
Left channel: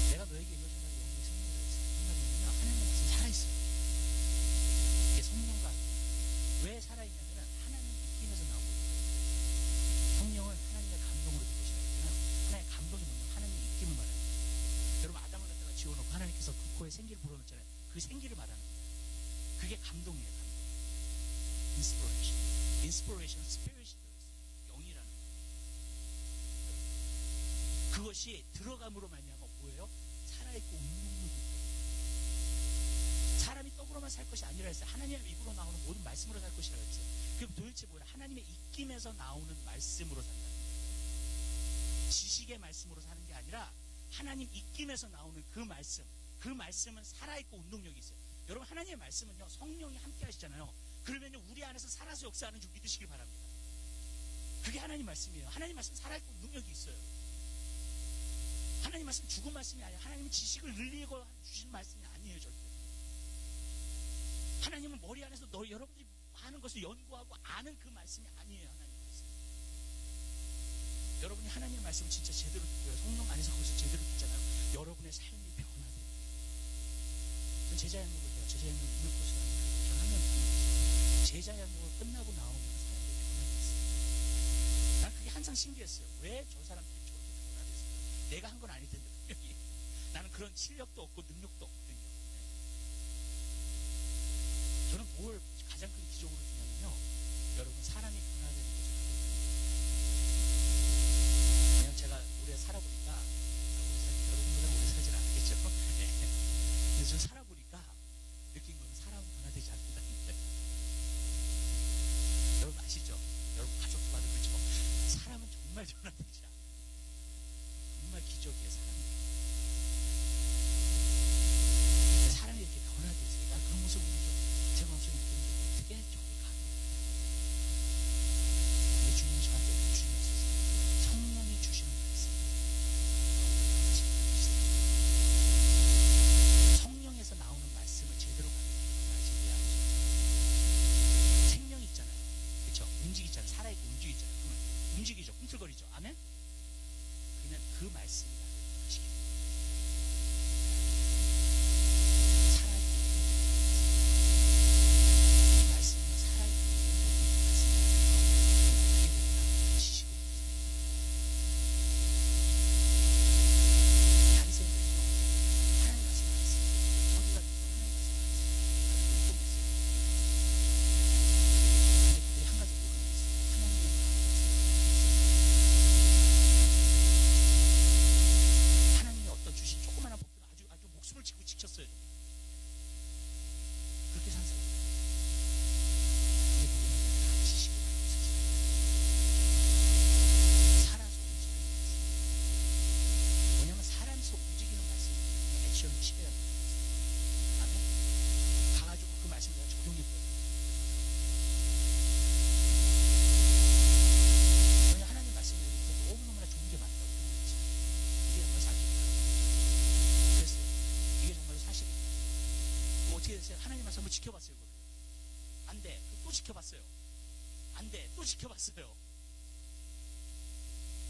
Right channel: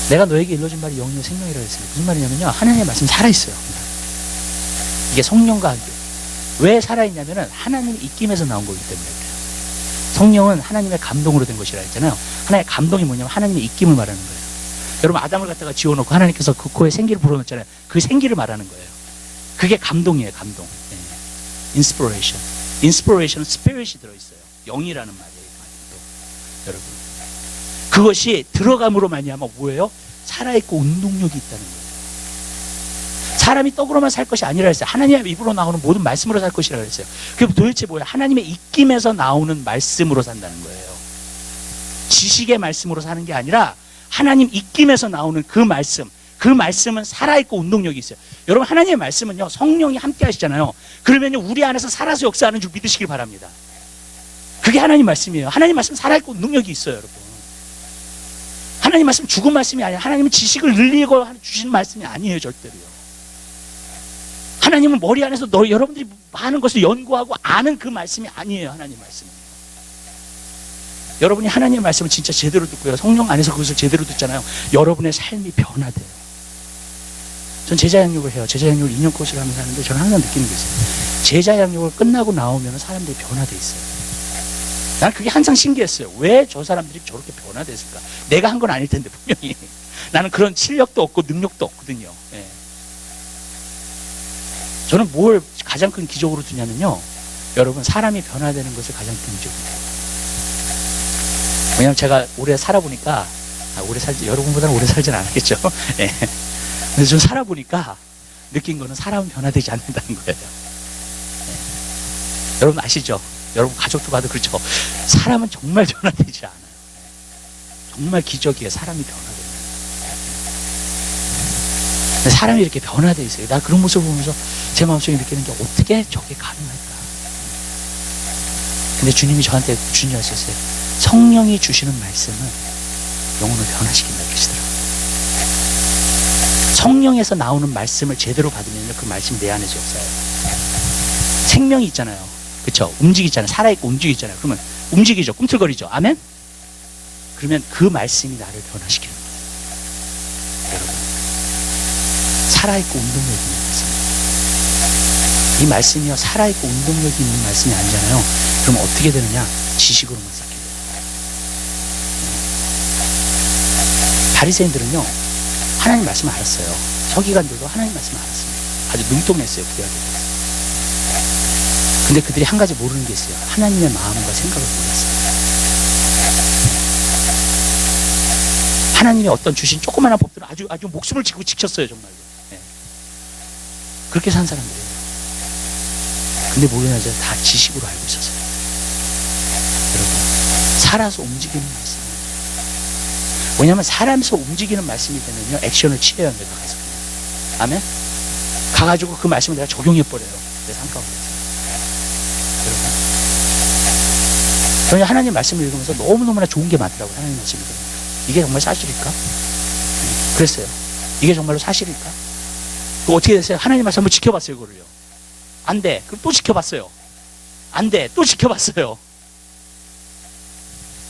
내가 너에게 일러준 말이 영이요 생명이라고 했어요. 무슨 말이냐면요. 하나님의 말씀은 살아있어요. 이게 성령과 함께. 왜 살아있냐면은 하나님의 입김에서 나온 거기 때문에 그래요. 성령은 하나님의 감동으로 된 것이라 했잖아요. 하나님의 감동이 뭐냐면 하나님의 입김을 말하는 거예요. 여러분 아담을 갖다가 지워놓고 하나님께서 그 코에 생기를 불어넣었잖아요. 그 생기를 말하는 거예요. 그게 감동이에요. 감동. 인스피레이션. 인스피레이션은 스피릿이 들어있어요. 영이라는 말이에요. 또 여러분, 그것이 들어감으로 말미암아 뭐예요? 살아있고 운동력이 있다는 거예요. 사람이 떡으로만 살 것이 아니라 했어요. 하나님의 입으로 나오는 모든 말씀으로 살 것이라고 했어요. 그게 도대체 뭐예요? 하나님의 입김에서 나오는 말씀으로 산다는 거예요. 지식의 말씀으로 사는 게 아니라 하나님 입김에서 나오는 그 말씀, 그 말씀은 살아있고 운동력이 있어요. 여러분, 하나님의 말씀은요, 성령이 함께 하시잖아요. 그러면요, 우리 안에서 살아서 역사하는 줄 믿으시길 바랍니다. 그게 하나님 말씀이에요. 하나님 말씀 살아있고 운동력이 있어요, 여러분. 하나님 말씀 죽은 말씀이 아니에요. 하나님은 지식을 늘리고 주시는 말씀이 아니에요, 절대로요. 하나님은 머리 안에서 여러분들이 많은 것을 연구하고 아는 그 말씀이 아니에요. 하나님 말씀은. 여러분이 하나님의 말씀을 진짜 제대로 듣고요, 성령 안에서 그것을 제대로 듣잖아요. 여러분의 삶이 변화돼요. 전 제자 양육을 해요. 제자 양육을 2년 코스를 하면서 하는데 저는 항상 느끼는 게 있어요. 제자 양육을 끝나고 나오면 사람들이 변화돼 있어요. 난 그게 항상 신기했어요. 왜 저 사람들이 저렇게 변화됐을까? 내가 한 건 아닐 텐데 분명히. 나는 그런 실력도 없고 능력도 없거든요. 예. 저는 뭘 가장 큰 기적으로 두냐면요, 여러분, 사람이 변화되는 것을 가장 큰 기적으로 두요. 왜냐하면 제가 오래 살아보니까, 여러분보다는 오래 살진 않았겠죠. 예. 근데 좀 살아보니까 느낀 거는 사람은 변화되지 않는다는 거예요. 예. 여러분 아시죠? 여러분 가족도 봐도 그렇죠. 사람은 정말 변화되지 않아요. 정말 기적이에요. 사람이 변화되는. 사람이 이렇게 변화되어 있어요. 나 그런 모습을 보면서 제 마음속에 느끼는 게 어떻게 저게 가능할까? 근데 주님이 저한테 주님하셨어요. 성령이 주시는 말씀은 영혼을 변화시킨다 그러시더라고요. 성령에서 나오는 말씀을 제대로 받으면 그 말씀이 내 안에서 역사해요. 생명이 있잖아요. 그렇죠? 움직이잖아요. 살아있고 움직이잖아요. 그러면 움직이죠. 꿈틀거리죠. 아멘? 그러면 그 말씀이 나를 변화시키는 거예요. 여러분, 살아있고 운동력이 있는 말씀입니다. 이 말씀이요, 살아있고 운동력이 있는 말씀이 아니잖아요. 그럼 어떻게 되느냐? 지식으로만 쌓게 돼요. 바리새인들은요, 하나님 말씀을 알았어요. 서기관들도 하나님 말씀을 알았습니다. 아주 능통했어요. 부여하게 됐어요. 근데 그들이 한 가지 모르는 게 있어요. 하나님의 마음과 생각을 몰랐어요. 하나님의 어떤 주신 조그마한 법들은 아주 목숨을 지고 지켰어요, 정말로. 네. 그렇게 산 사람들이에요. 근데 모르냐죠. 다 지식으로 알고 있었어요. 여러분, 살아서 움직이는 말씀. 왜냐하면 사람에서 움직이는 말씀이 되면요, 액션을 취해야 합니다. 가서. 아멘? 가가지고 그 말씀을 내가 적용해버려요. 내 삶 가운데서. 여러분, 저는 하나님 말씀을 읽으면서 너무너무나 좋은 게 많더라고요. 하나님 말씀을 읽으면. 이게 정말 사실일까? 그랬어요. 이게 정말로 사실일까? 그거 어떻게 됐어요? 하나님 말씀 한번 지켜봤어요, 그거를요. 안 돼. 그럼 또 지켜봤어요. 안 돼. 또 지켜봤어요.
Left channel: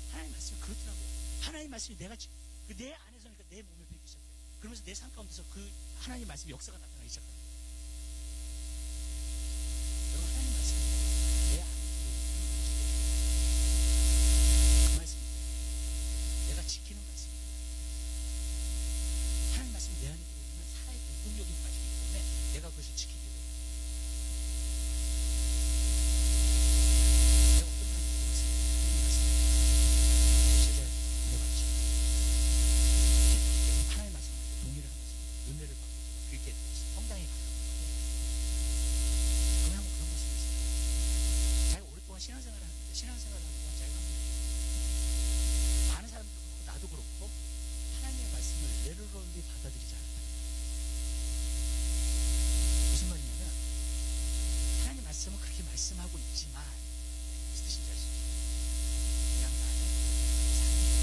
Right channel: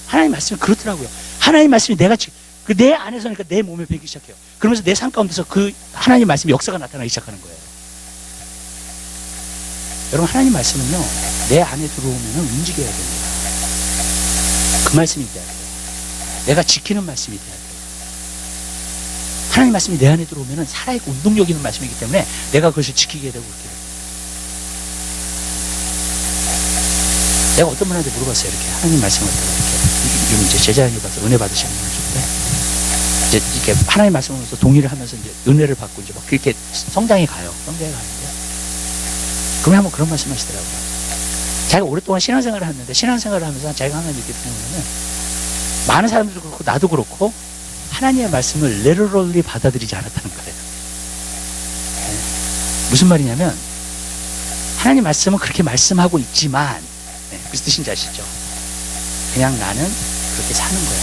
하나님 말씀이 그렇더라고요. 하나님 말씀이 내 안에서니까 내 몸에 배기 시작해요. 그러면서 내 삶 가운데서 그 하나님 말씀의 역사가 나타나기 시작하는 거예요. 여러분, 하나님 말씀은요, 내 안에 들어오면 움직여야 됩니다. 그 말씀이 돼야 돼요. 내가 지키는 말씀이 돼야 돼요. 하나님 말씀이 내 안에 들어오면 살아있고 운동력 있는 말씀이기 때문에 내가 그것을 지키게 되고 그렇게 돼요. 내가 어떤 분한테 물어봤어요. 이렇게 하나님 말씀을 이렇게 이제 제자연이 가서 은혜 받으시는 분일 때 이제 이렇게 하나님 말씀을 하면서 동의를 하면서 이제 은혜를 받고 이제 막 그렇게 성장해 가요. 성장해 가는데 그러면 한번 그런 말씀 하시더라고요. 자기가 오랫동안 신앙생활을 했는데 신앙생활을 하면서 자기가 항상 이렇게 보면은 많은 사람들도 그렇고 나도 그렇고 하나님의 말씀을 literally 받아들이지 않았다는 거예요. 네. 무슨 말이냐면 하나님 말씀은 그렇게 말씀하고 있지만 네, 무슨 뜻인지 아시죠? 그냥 나는 그렇게 사는 거야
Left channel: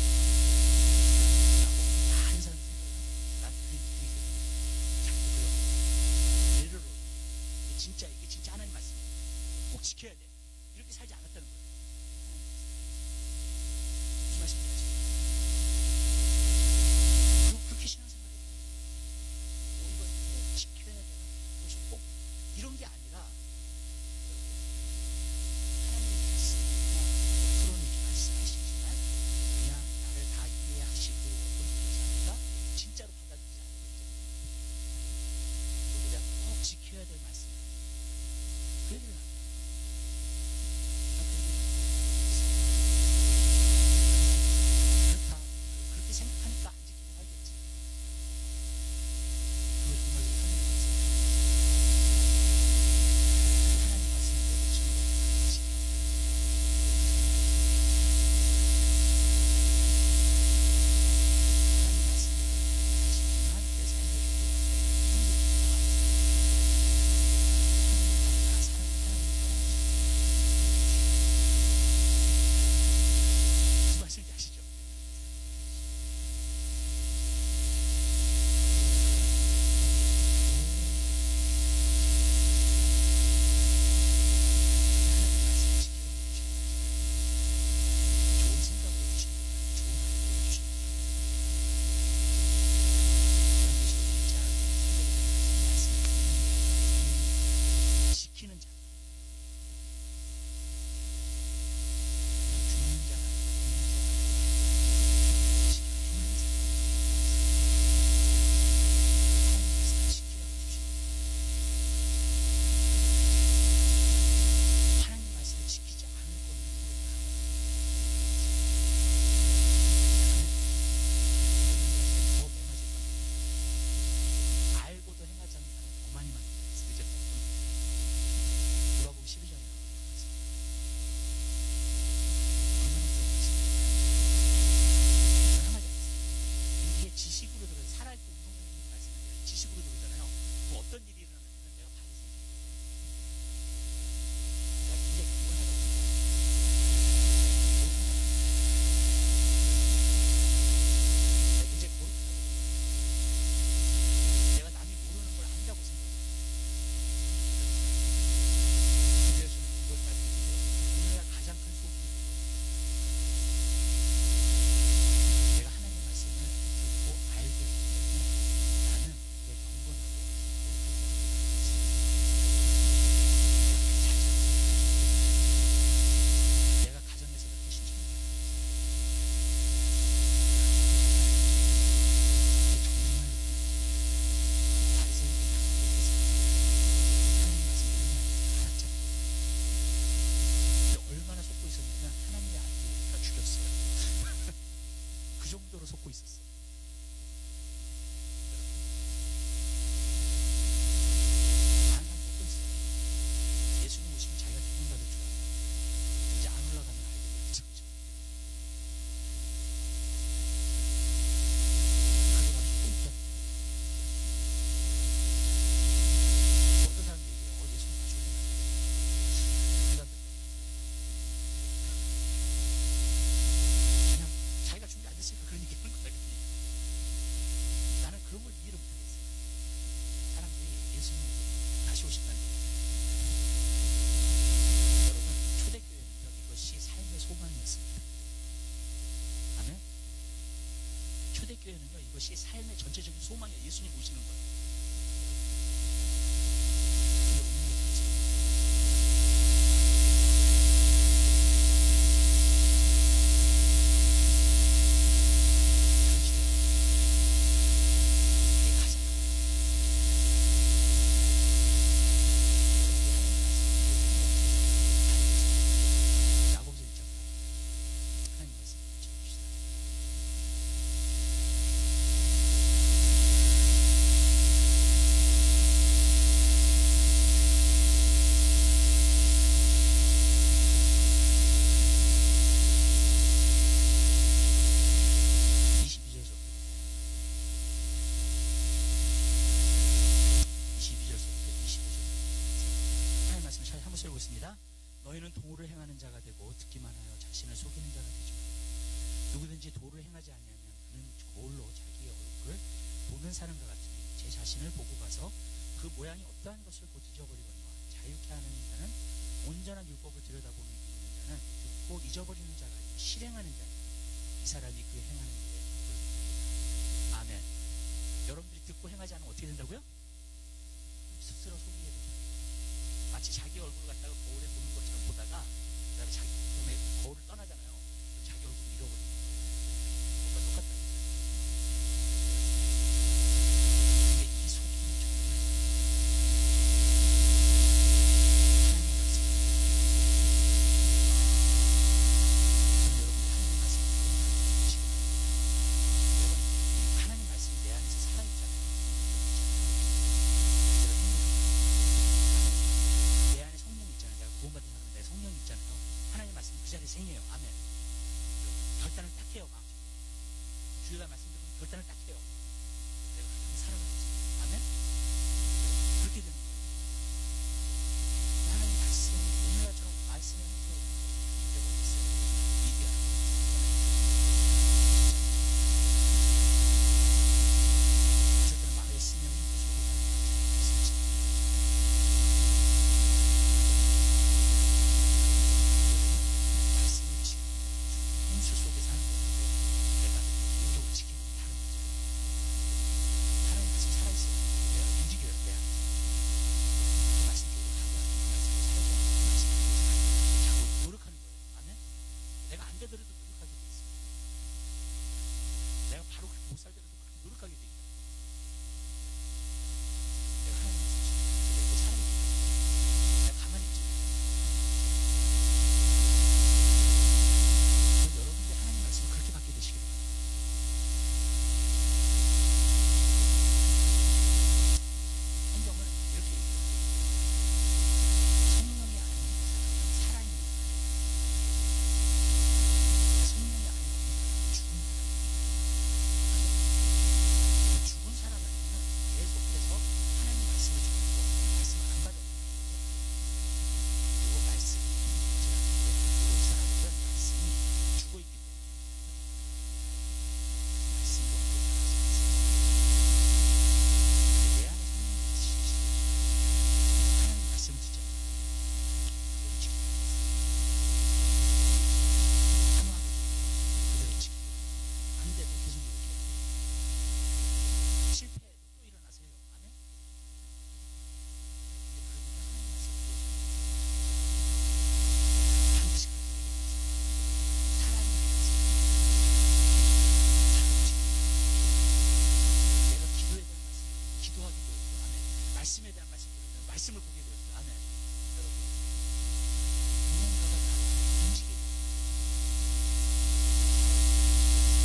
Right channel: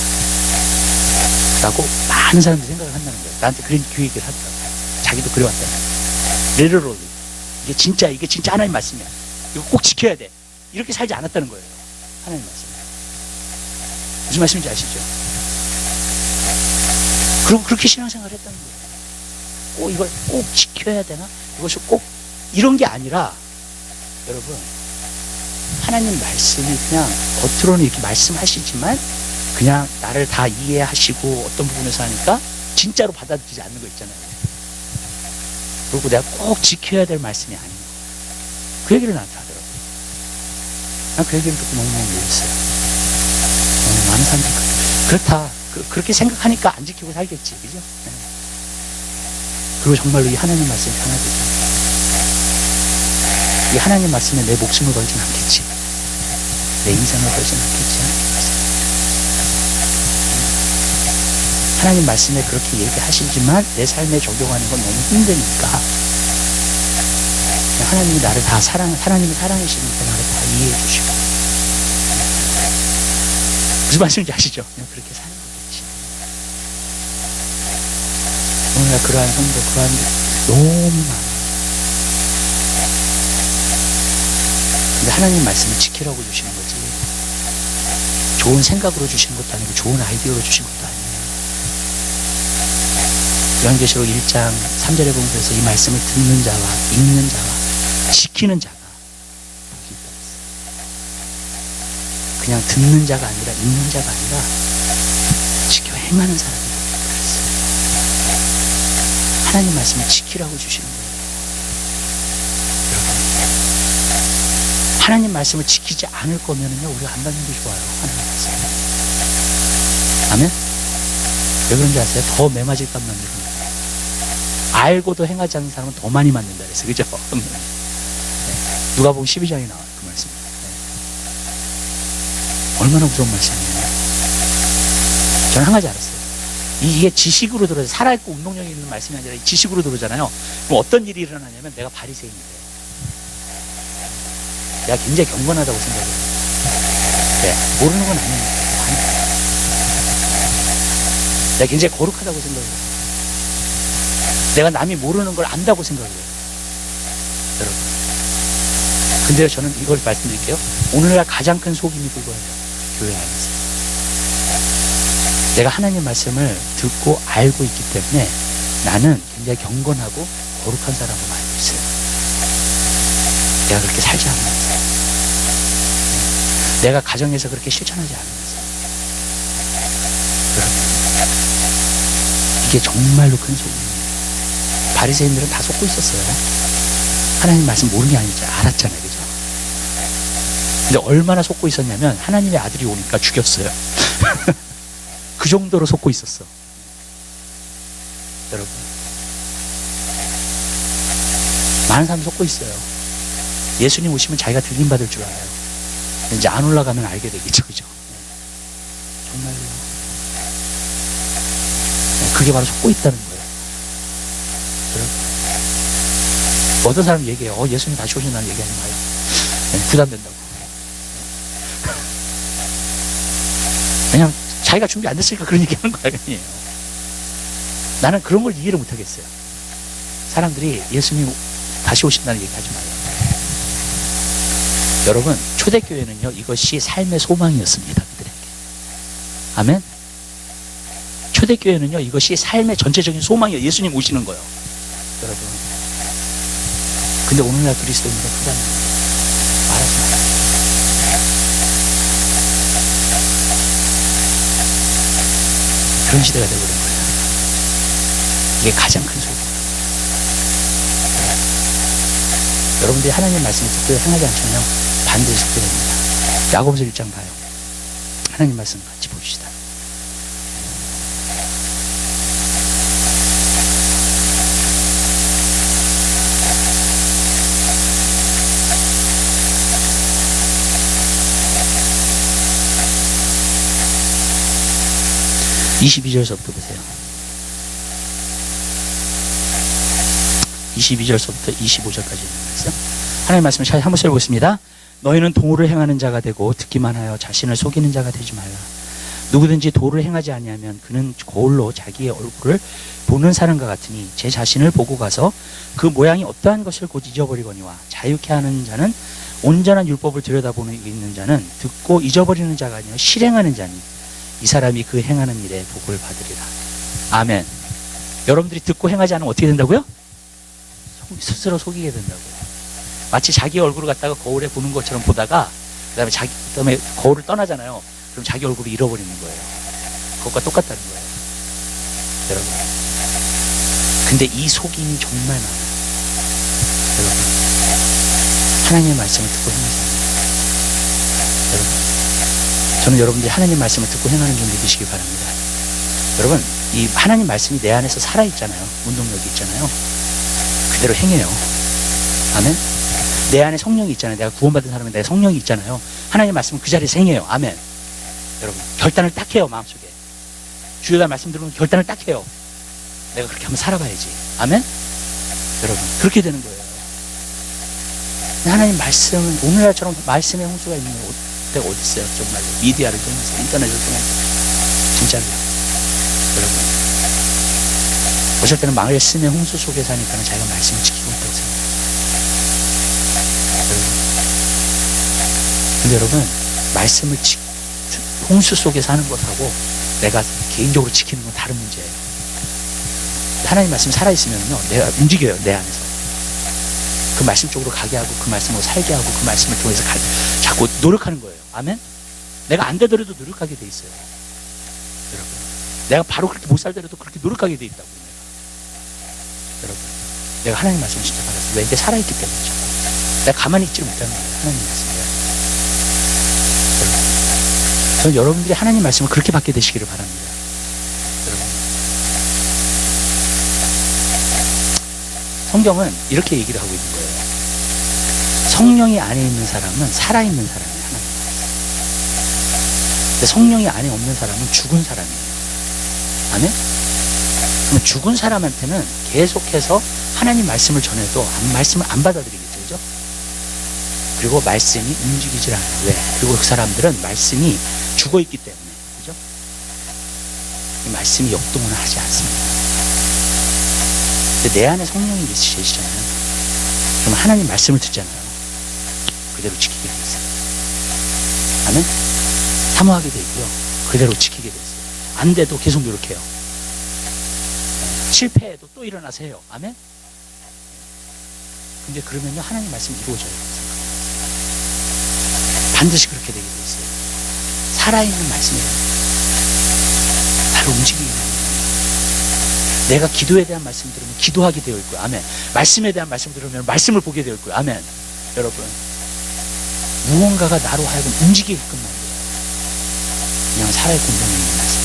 라고 많은 사람들이 생각을 한다는 거예요. 나한테 그런 교육을 하더라고요. 자기도 그래왔다는 거예요. literally 이게 진짜 하나님 말씀이야. 이거 꼭 지켜야 돼. 이렇게 살지 않았다는 거예요. 하나님 말씀. 무슨 말씀인지 아시죠? 그리고 그렇게 신앙생활을 했다는 거예요. 이걸 꼭 지켜야 되나? 이것이 꼭 이런 게 아니라 여러분, 하나님 말씀이 그냥 겉으로는 이렇게 말씀하시지만 그냥 나를 다 이해하시고 어떤 부분에서 하니까 진짜로 받아들이지 않는 거 있잖아요. 그리고 내가 꼭 지켜야 될 말씀이 아닌 거. 그 얘기를 나한테 하더라고요. 난 그 얘기를 듣고 너무너무 놀랐어요. 많은 사람들이 그렇다. 그렇게 생각하니까 안 지키고 살겠지. 그죠? 네. 그리고 정말로 이 하나님 말씀이 편하겠죠. 이 하나님 말씀에 내 목숨을 걸진 않겠지. 내 인생을 걸진 않겠지. 하나님 말씀에 그렇게 얘기하시지만 내 삶에 적용하는 건 너무 힘드니까 하나님이 나를 다 하나님이 사랑하시니까 나를 다 이해해 주시고 무슨 말씀인지 아시죠? 그냥 그렇게 사는 거겠지. 오늘날 그러한 성도 그러한 너무 많아요. 근데 하나님 말씀을 지키라고 주시는 거지 좋은 생각으로 주시는 것도 아니고 좋은 아이디어로 주신 것도 아니에요. 요한계시록 1장 3절에 보면 그래서 이 말씀을 듣는 자와 읽는 자와 지키는 자가 복이 있다 그랬어요. 그냥 듣는 자가 아니라 읽는 자가 아니라 지켜 행하는 사람이 그랬어요. 하나님 말씀을 지키라고 주시는 거예요. 여러분, 하나님 말씀을 지키지 않을 거면은요 우리가 안 받는 게 좋아요. 하나님 말씀. 아멘? 왜 그런지 아세요? 더 매맞을 값만 내는 알고도 행하지 않는 사람은 더 많이 맞는다 그래서 그죠? 네. 누가복음 12장에 나와요 그 말씀. 네. 얼마나 무서운 말씀이에요. 저는 한 가지 알았어요. 이게 지식으로 들어요. 살아있고 운동력이 있는 말씀이 아니라 지식으로 들어오잖아요. 그럼 어떤 일이 일어나냐면 내가 바리새인이래요. 내가 굉장히 경건하다고 생각해요. 네. 모르는 건 아니니까. 내가 굉장히 거룩하다고 생각해요. 내가 남이 모르는 걸 안다고 생각해요. 여러분. 근데 저는 이걸 말씀드릴게요. 오늘날 가장 큰 속임이 그거예요. 교회 안에서. 내가 하나님 말씀을 듣고 알고 있기 때문에 나는 굉장히 경건하고 거룩한 사람으로 알고 있어요. 내가 그렇게 살지 않으면서. 내가 가정에서 그렇게 실천하지 않으면서. 여러분. 이게 정말로 큰 속임이에요. 바리새인들은 다 속고 있었어요. 하나님 말씀 모르는 게 아니죠. 알았잖아요. 그죠? 근데 얼마나 속고 있었냐면 하나님의 아들이 오니까 죽였어요. 그 정도로 속고 있었어. 여러분. 많은 사람이 속고 있어요. 예수님 오시면 자기가 들림 받을 줄 알아요. 이제 안 올라가면 알게 되겠죠. 그죠? 정말요. 그게 바로 속고 있다는 거예요. 어떤 사람이 얘기해요. 예수님 다시 오신다는 얘기하지 마요. 네, 부담된다고. 왜냐면 자기가 준비 안 됐으니까 그런 얘기 하는 거 아니에요. 나는 그런 걸 이해를 못 하겠어요. 사람들이 예수님 다시 오신다는 얘기 하지 마요. 여러분, 초대교회는요, 이것이 삶의 소망이었습니다. 그들에게. 아멘? 초대교회는요, 이것이 삶의 전체적인 소망이에요. 예수님 오시는 거예요. 여러분. 근데 오늘날 그리스도인들은 그런 말하지 마요. 그런 시대가 되어버린 거예요. 이게 가장 큰 소리예요. 여러분들이 하나님 말씀을 듣고 행하지 않으면 반드시 듣게 됩니다. 야고보서 1장 봐요. 하나님 말씀 같이 봅시다. (22절서부터) 보세요. 22절서부터 25절까지 있는 하나님 말씀을 잘 한번 써보겠습니다. 너희는 도를 행하는 자가 되고 듣기만 하여 자신을 속이는 자가 되지 말라. 누구든지 도를 행하지 아니하면 그는 거울로 자기의 얼굴을 보는 사람과 같으니 제 자신을 보고 가서 그 모양이 어떠한 것을 곧 잊어버리거니와 자유케 하는 자는 온전한 율법을 들여다보는 있는 자는 듣고 잊어버리는 자가 아니라 실행하는 자니 이 사람이 그 행하는 일에 복을 받으리라. 아멘. 여러분들이 듣고 행하지 않으면 어떻게 된다고요? 스스로 속이게 된다고요. 마치 자기 얼굴을 갖다가 거울에 보는 것처럼 보다가 그다음에 거울을 떠나잖아요. 그럼 자기 얼굴을 잃어버리는 거예요. 그것과 똑같다는 거예요. 여러분. 근데 이 속임이 정말 많아요. 여러분. 하나님의 말씀을 듣고 행하지 않아요. 여러분, 저는 여러분들이 하나님 말씀을 듣고 행하는 줄 믿으시기 바랍니다. 여러분, 이 하나님 말씀이 내 안에서 살아있잖아요. 운동력이 있잖아요. 그대로 행해요. 아멘. 내 안에 성령이 있잖아요. 내가 구원받은 사람은 내 성령이 있잖아요. 하나님 말씀은 그 자리에서 행해요. 아멘. 여러분, 결단을 딱 해요. 마음속에 주일날 말씀 들으면 결단을 딱 해요. 내가 그렇게 한번 살아봐야지. 아멘. 여러분, 그렇게 되는 거예요. 하나님 말씀은 오늘날처럼 말씀의 홍수가 있는 때가 어디 있어요? 정말로 미디어를 통해서, 인터넷을 통해서. 진짜로요. 여러분, 어쩔 때는 말씀의 홍수 속에 사니까 자기가 말씀을 지키고 있다고 생각해요. 여러분, 근데 여러분, 말씀을 홍수 속에 사는 것하고 내가 개인적으로 지키는 건 다른 문제예요. 하나님 말씀이 살아있으면요, 내가 움직여요. 내 안에서 그 말씀 쪽으로 가게 하고, 그 말씀으로 살게 하고, 그 말씀을 통해서 자꾸 노력하는 거예요. 아멘. 내가 안 되더라도 노력하게 돼 있어요. 여러분, 내가 바로 그렇게 못 살더라도 그렇게 노력하게 돼 있다고. 여러분, 내가 하나님 말씀을 진짜 받았어요. 왜? 이게 살아있기 때문이죠. 내가 가만히 있지를 못하는 거예요. 하나님 말씀을. 여러분, 저는 여러분들이 하나님 말씀을 그렇게 받게 되시기를 바랍니다. 여러분, 성경은 이렇게 얘기를 하고 있는 거예요. 성령이 안에 있는 사람은 살아있는 사람이에요. 하나님. 근데 성령이 안에 없는 사람은 죽은 사람이에요. 아멘? 그러면 죽은 사람한테는 계속해서 하나님 말씀을 전해도 말씀을 안 받아들이겠죠. 그죠? 그리고 말씀이 움직이질 않아요. 왜? 그리고 그 사람들은 말씀이 죽어있기 때문에. 그죠? 이 말씀이 역동을 하지 않습니다. 근데 내 안에 성령이 계시잖아요. 그럼 하나님 말씀을 듣잖아요. 그대로 지키게 돼 있어요. 아멘? 사모하게 돼 있고요. 그대로 지키게 돼 있어요. 안 돼도 계속 노력해요. 실패해도 또 일어나서 해요. 아멘? 근데 그러면요, 하나님 말씀이 이루어져요. 반드시 그렇게 되게 돼 있어요. 살아있는 말씀이에요. 나를 움직이게 되는 거예요. 내가 기도에 대한 말씀 들으면 기도하게 되어 있고요. 아멘. 말씀에 대한 말씀 들으면 말씀을 보게 되어 있고요. 아멘. 여러분, 무언가가 나로 하여금 움직이게끔 만들어요. 그냥 살아있고 운동이 있는 말씀.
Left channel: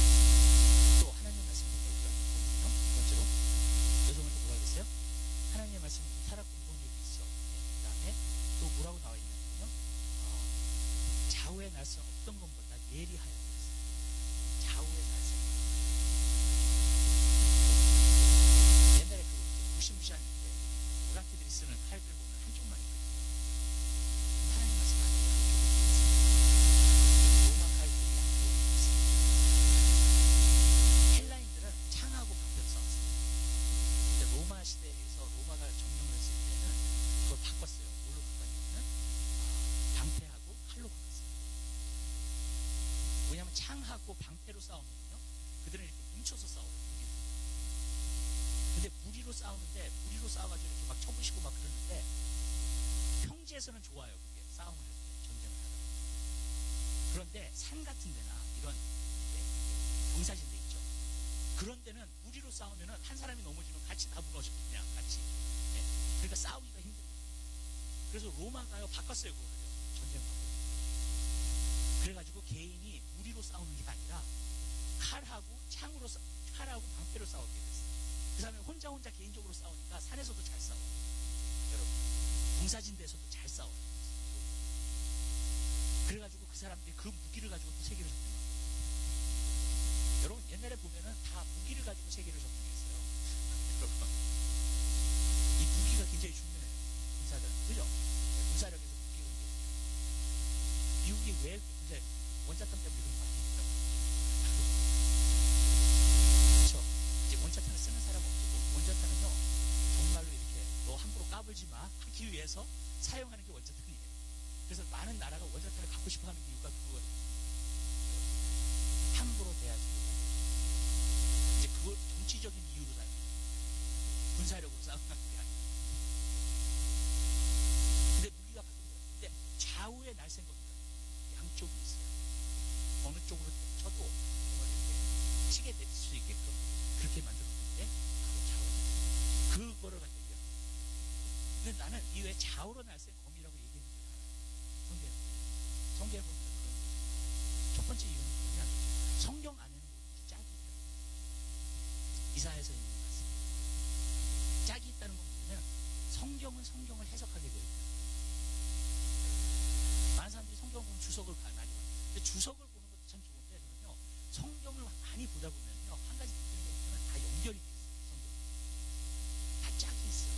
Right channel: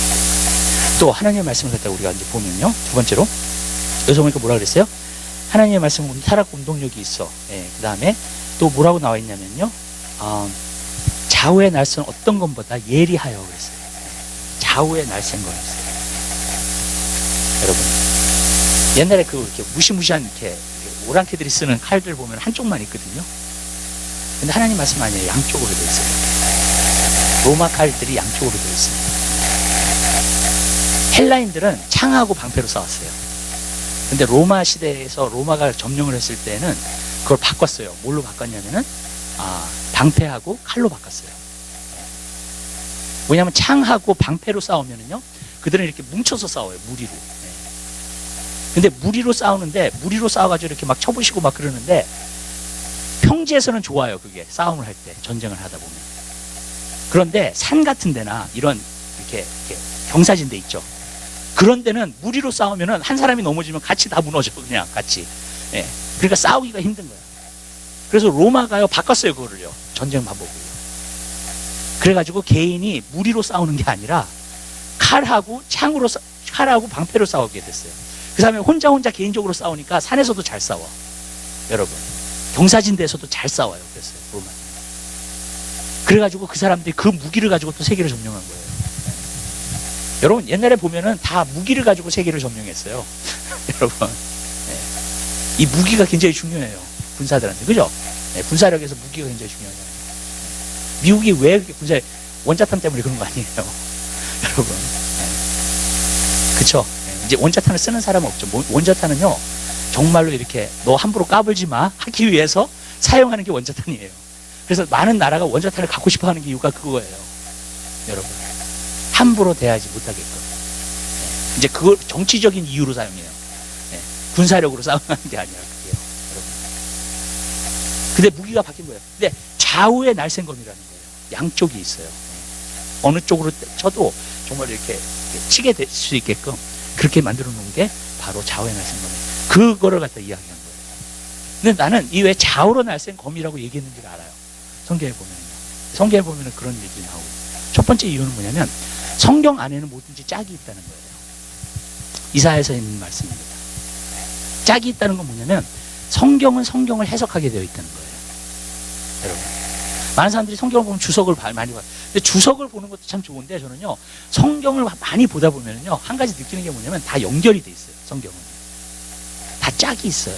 또 하나님의 말씀을 갖다가 우리가 이제 보면요, 두 번째로 여기서 보니까 뭐라 그랬어요? 하나님의 말씀은 살아있고 운동력이 있어. 예, 그 다음에 또 뭐라고 나와 있냐면요, 좌우의 날선 어떤 것보다 예리하여 그랬어요. 좌우의 날선 거였어요. 여러분, 옛날에 이렇게 무시무시한 이렇게 오랑캐들이 쓰는 칼들 보면 한쪽만 있거든요. 근데 하나님 말씀 아니에요. 양쪽으로 되어 있어요. 로마 칼들이 양쪽으로 되어 있습니다. 헬라인들은 창하고 방패로 싸웠어요. 근데 로마 시대에서 로마가 점령을 했을 때는 그걸 바꿨어요. 뭘로 바꿨냐면은 방패하고 칼로 바꿨어요. 왜냐하면 창하고 방패로 싸우면은요, 그들은 이렇게 뭉쳐서 싸워요. 무리로. 근데 무리로 싸우는데, 무리로 싸워가지고 이렇게 막 쳐부시고 막 그러는데, 평지에서는 좋아요. 그게 싸움을 할 때, 전쟁을 하다 보면. 그런데 산 같은 데나 이런 이렇게 경사진 데 있죠. 그런 데는 무리로 싸우면은 한 사람이 넘어지면 같이 다 무너져. 그냥 같이. 예. 그러니까 싸우기가 힘든 거예요. 그래서 로마가요, 바꿨어요. 그거를요. 전쟁 방법을요. 그래가지고 개인이 무리로 싸우는 게 아니라 칼하고 칼하고 방패로 싸우게 됐어요. 그 다음에 혼자 개인적으로 싸우니까 산에서도 잘 싸워. 여러분, 경사진대에서도 잘 싸워요. 그랬어요. 로마. 그래가지고 그 사람들이 그 무기를 가지고 또 세계를 점령한 거예요. 여러분, 옛날에 보면은 다 무기를 가지고 세계를 점령했어요. 여러분, 이 무기가 굉장히 중요해요. 군사들한테. 그죠? 군사력에서 무기가 굉장히 중요하잖아요. 미국이 왜 그렇게 원자탄 때문에 그런 거 아니에요? 여러분. 그쵸? 이제 원자탄을 쓰는 사람은 없죠. 원자탄은요, 정말로 이렇게 너 함부로 까불지 마 하기 위해서 사용하는 게 원자탄이에요. 그래서 많은 나라가 원자탄을 갖고 싶어 하는 이유가 그거예요. 여러분, 함부로 대하지 못하게끔. 이제 그걸 정치적인 이유로 사용해요. 군사력으로 싸우는 게 아니라 그게요. 여러분. 근데 무기가 바뀐 거예요. 근데 좌우의 날쌘검이라는 거예요. 양쪽이 있어요. 어느 쪽으로 쳐도 정말 이렇게 치게 될 수 있게끔 그렇게 만들어 놓은 게 바로 좌우의 날쌘검이에요. 그거를 갖다 이야기한 거예요. 근데 나는 이 왜 좌우로 날쌘검이라고 얘기했는지를 알아요. 성경에 보면요. 성경에 보면 그런 얘기 나오고. 첫 번째 이유는 뭐냐면 성경 안에는 뭐든지 짝이 있다는 거예요. 이사야에서 있는 말씀입니다. 짝이 있다는 건 뭐냐면 성경은 성경을 해석하게 되어 있다는 거예요. 여러분, 많은 사람들이 성경을 보면 주석을 많이 봐요. 근데 주석을 보는 것도 참 좋은데 저는요, 성경을 많이 보다 보면요, 한 가지 느끼는 게 뭐냐면 다 연결이 돼 있어요. 성경은 다 짝이 있어요.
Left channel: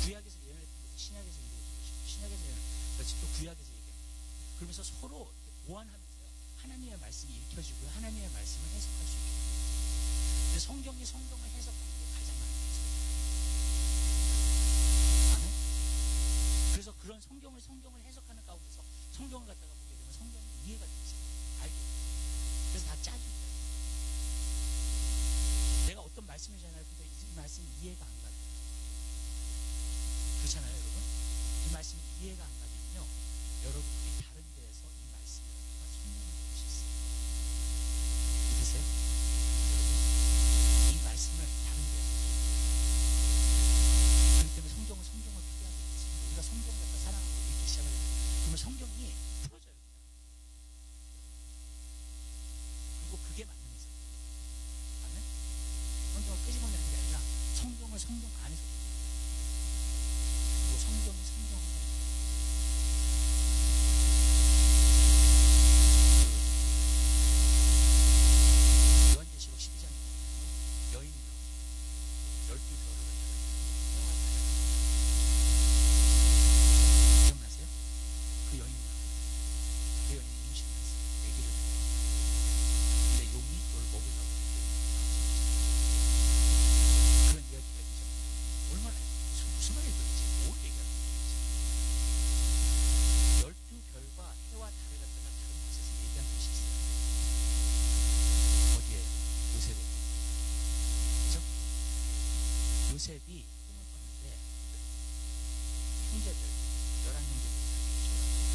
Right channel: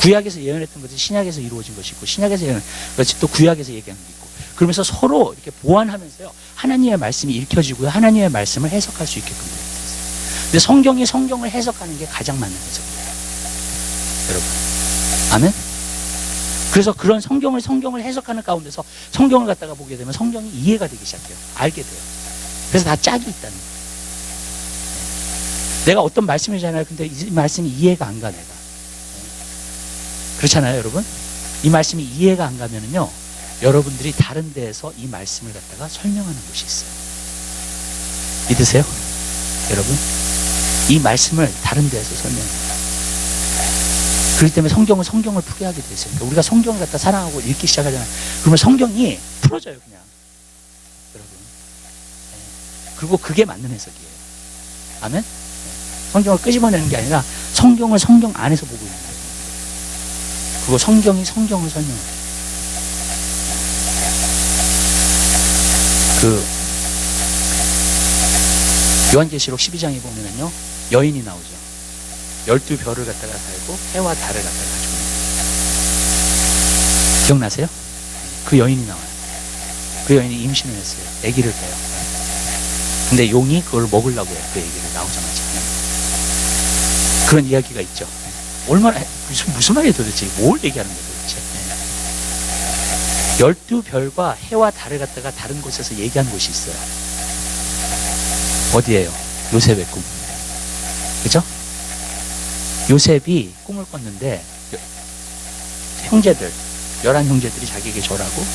구약에서 예언했던 것이 신약에서 이루어진 것이 있고, 신약에서 예언한 것이 또 구약에서 얘기하는 게 있고, 그러면서 서로 이렇게 보완하면서요, 하나님의 말씀이 읽혀지고요, 하나님의 말씀을 해석할 수 있게끔 되어 있어요. 근데 성경이 성경을 해석하는 게 가장 맞는 해석이에요. 여러분, 아멘? 그래서 그런 성경을 해석하는 가운데서 성경을 갖다가 보게 되면 성경이 이해가 되기 시작해요. 알게 돼요. 그래서 다 짝이 있다는 거예요. 내가 어떤 말씀이잖아요. 근데 이 말씀이 이해가 안 가, 내가. 그렇잖아요, 여러분? 이 말씀이 이해가 안 가면은요, 여러분들이 다른 데에서 이 말씀을 갖다가 설명하는 것이 있어요. 믿으세요? 여러분? 이 말씀을 다른 데에서 설명해요. 그렇기 때문에 성경을 풀게 하게 되어 있어요. 그러니까 우리가 성경을 갖다 사랑하고 읽기 시작하잖아요. 그러면 성경이 풀어져요, 그냥. 여러분. 그리고 그게 맞는 해석이에요. 아멘? 성경을 끄집어내는 게 아니라 성경을 성경 안에서 보고 있는 거예요. 그리고 성경이 성경을 설명해요. 요한계시록 12장에 보면은요, 여인이 나오죠. 12별을 갖다가 달고 해와 달을 갖다가 가지고 있는 거예요. 기억나세요? 그 여인이 나와요. 그 여인이 임신을 했어요. 아기를 빼요. 근데 용이 그걸 먹으려고 해요. 그 아기를 나오자마자. 그런 이야기가 있죠. 얼마나, 무슨 말이에요 도대체? 뭘 얘기하는 거예요 도대체? 12별과 해와 달을 갖다가 다른 곳에서 얘기한 곳이 있어요. 어디예요? 요셉의 꿈. 그죠? 요셉이 꿈을 꿨는데 형제들, 11형제들이 자기에게 절하고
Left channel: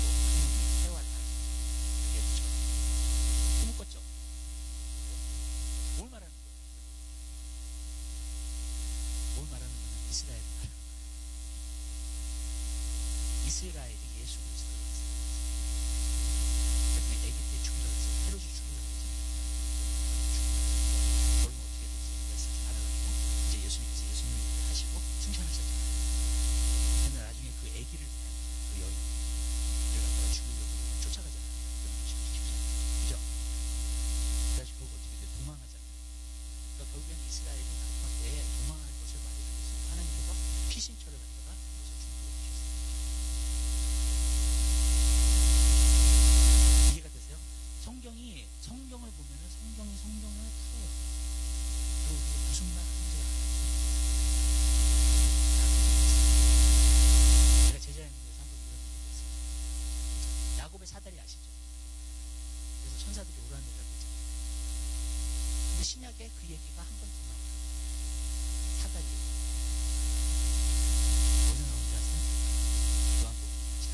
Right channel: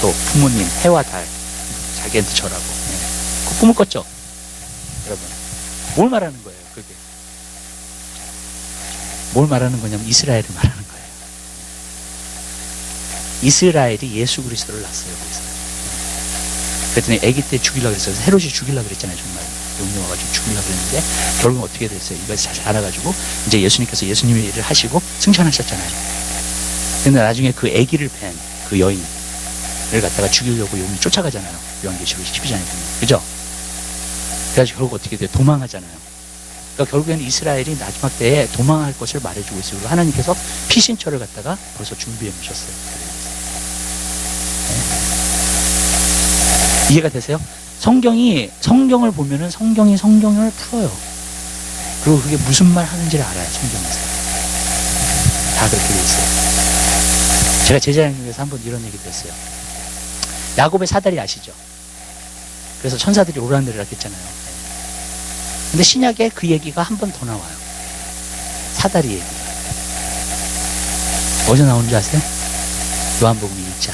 또 부모님, 해와 달 자기한테 절하고 그 꿈을 꿨죠. 여러분, 뭘 말하는 거예요? 그게 뭘 말하는 거냐면 이스라엘을 말하는 거예요. 이스라엘이 예수 그리스도를 낳았어요. 그랬더니 아기 때 죽이려고 그랬어요. 헤롯이 죽이려고 그랬잖아요. 정말 용이 와가지고 죽이려고 그랬는데 결국 어떻게 됐어요? 이걸 잘 알아가지고 이제 예수님께서 예수님의 일을 하시고 승천하셨잖아요. 근데 나중에 그 아기를 팬 그 여인을 갖다가 죽이려고 용이 쫓아가잖아요. 요한계시록 12장에 보면. 그죠? 그래가지고 결국 어떻게 돼요? 도망하잖아요. 그러니까 결국에는 이스라엘이 마지막 때에 도망할 것을 말해주고 있어요. 그리고 하나님께서 피신처를 갖다가 벌써 준비해 놓으셨어요. 네. 이해가 되세요? 성경을 보면은 성경이 성경을 풀어요. 그리고 그게 무슨 말 하는지를 알아요. 성경에서. 다 그렇게 돼 있어요. 제가 제자형님에서 한번 이런 얘기 들었어요. 야곱의 사다리 아시죠? 그래서 천사들이 오르락내리락 했잖아요. 근데 신약에 그 얘기가 한 번 더 나와요. 사다리 얘기. 어디서 나오는 줄 아세요? 요한복음 1장.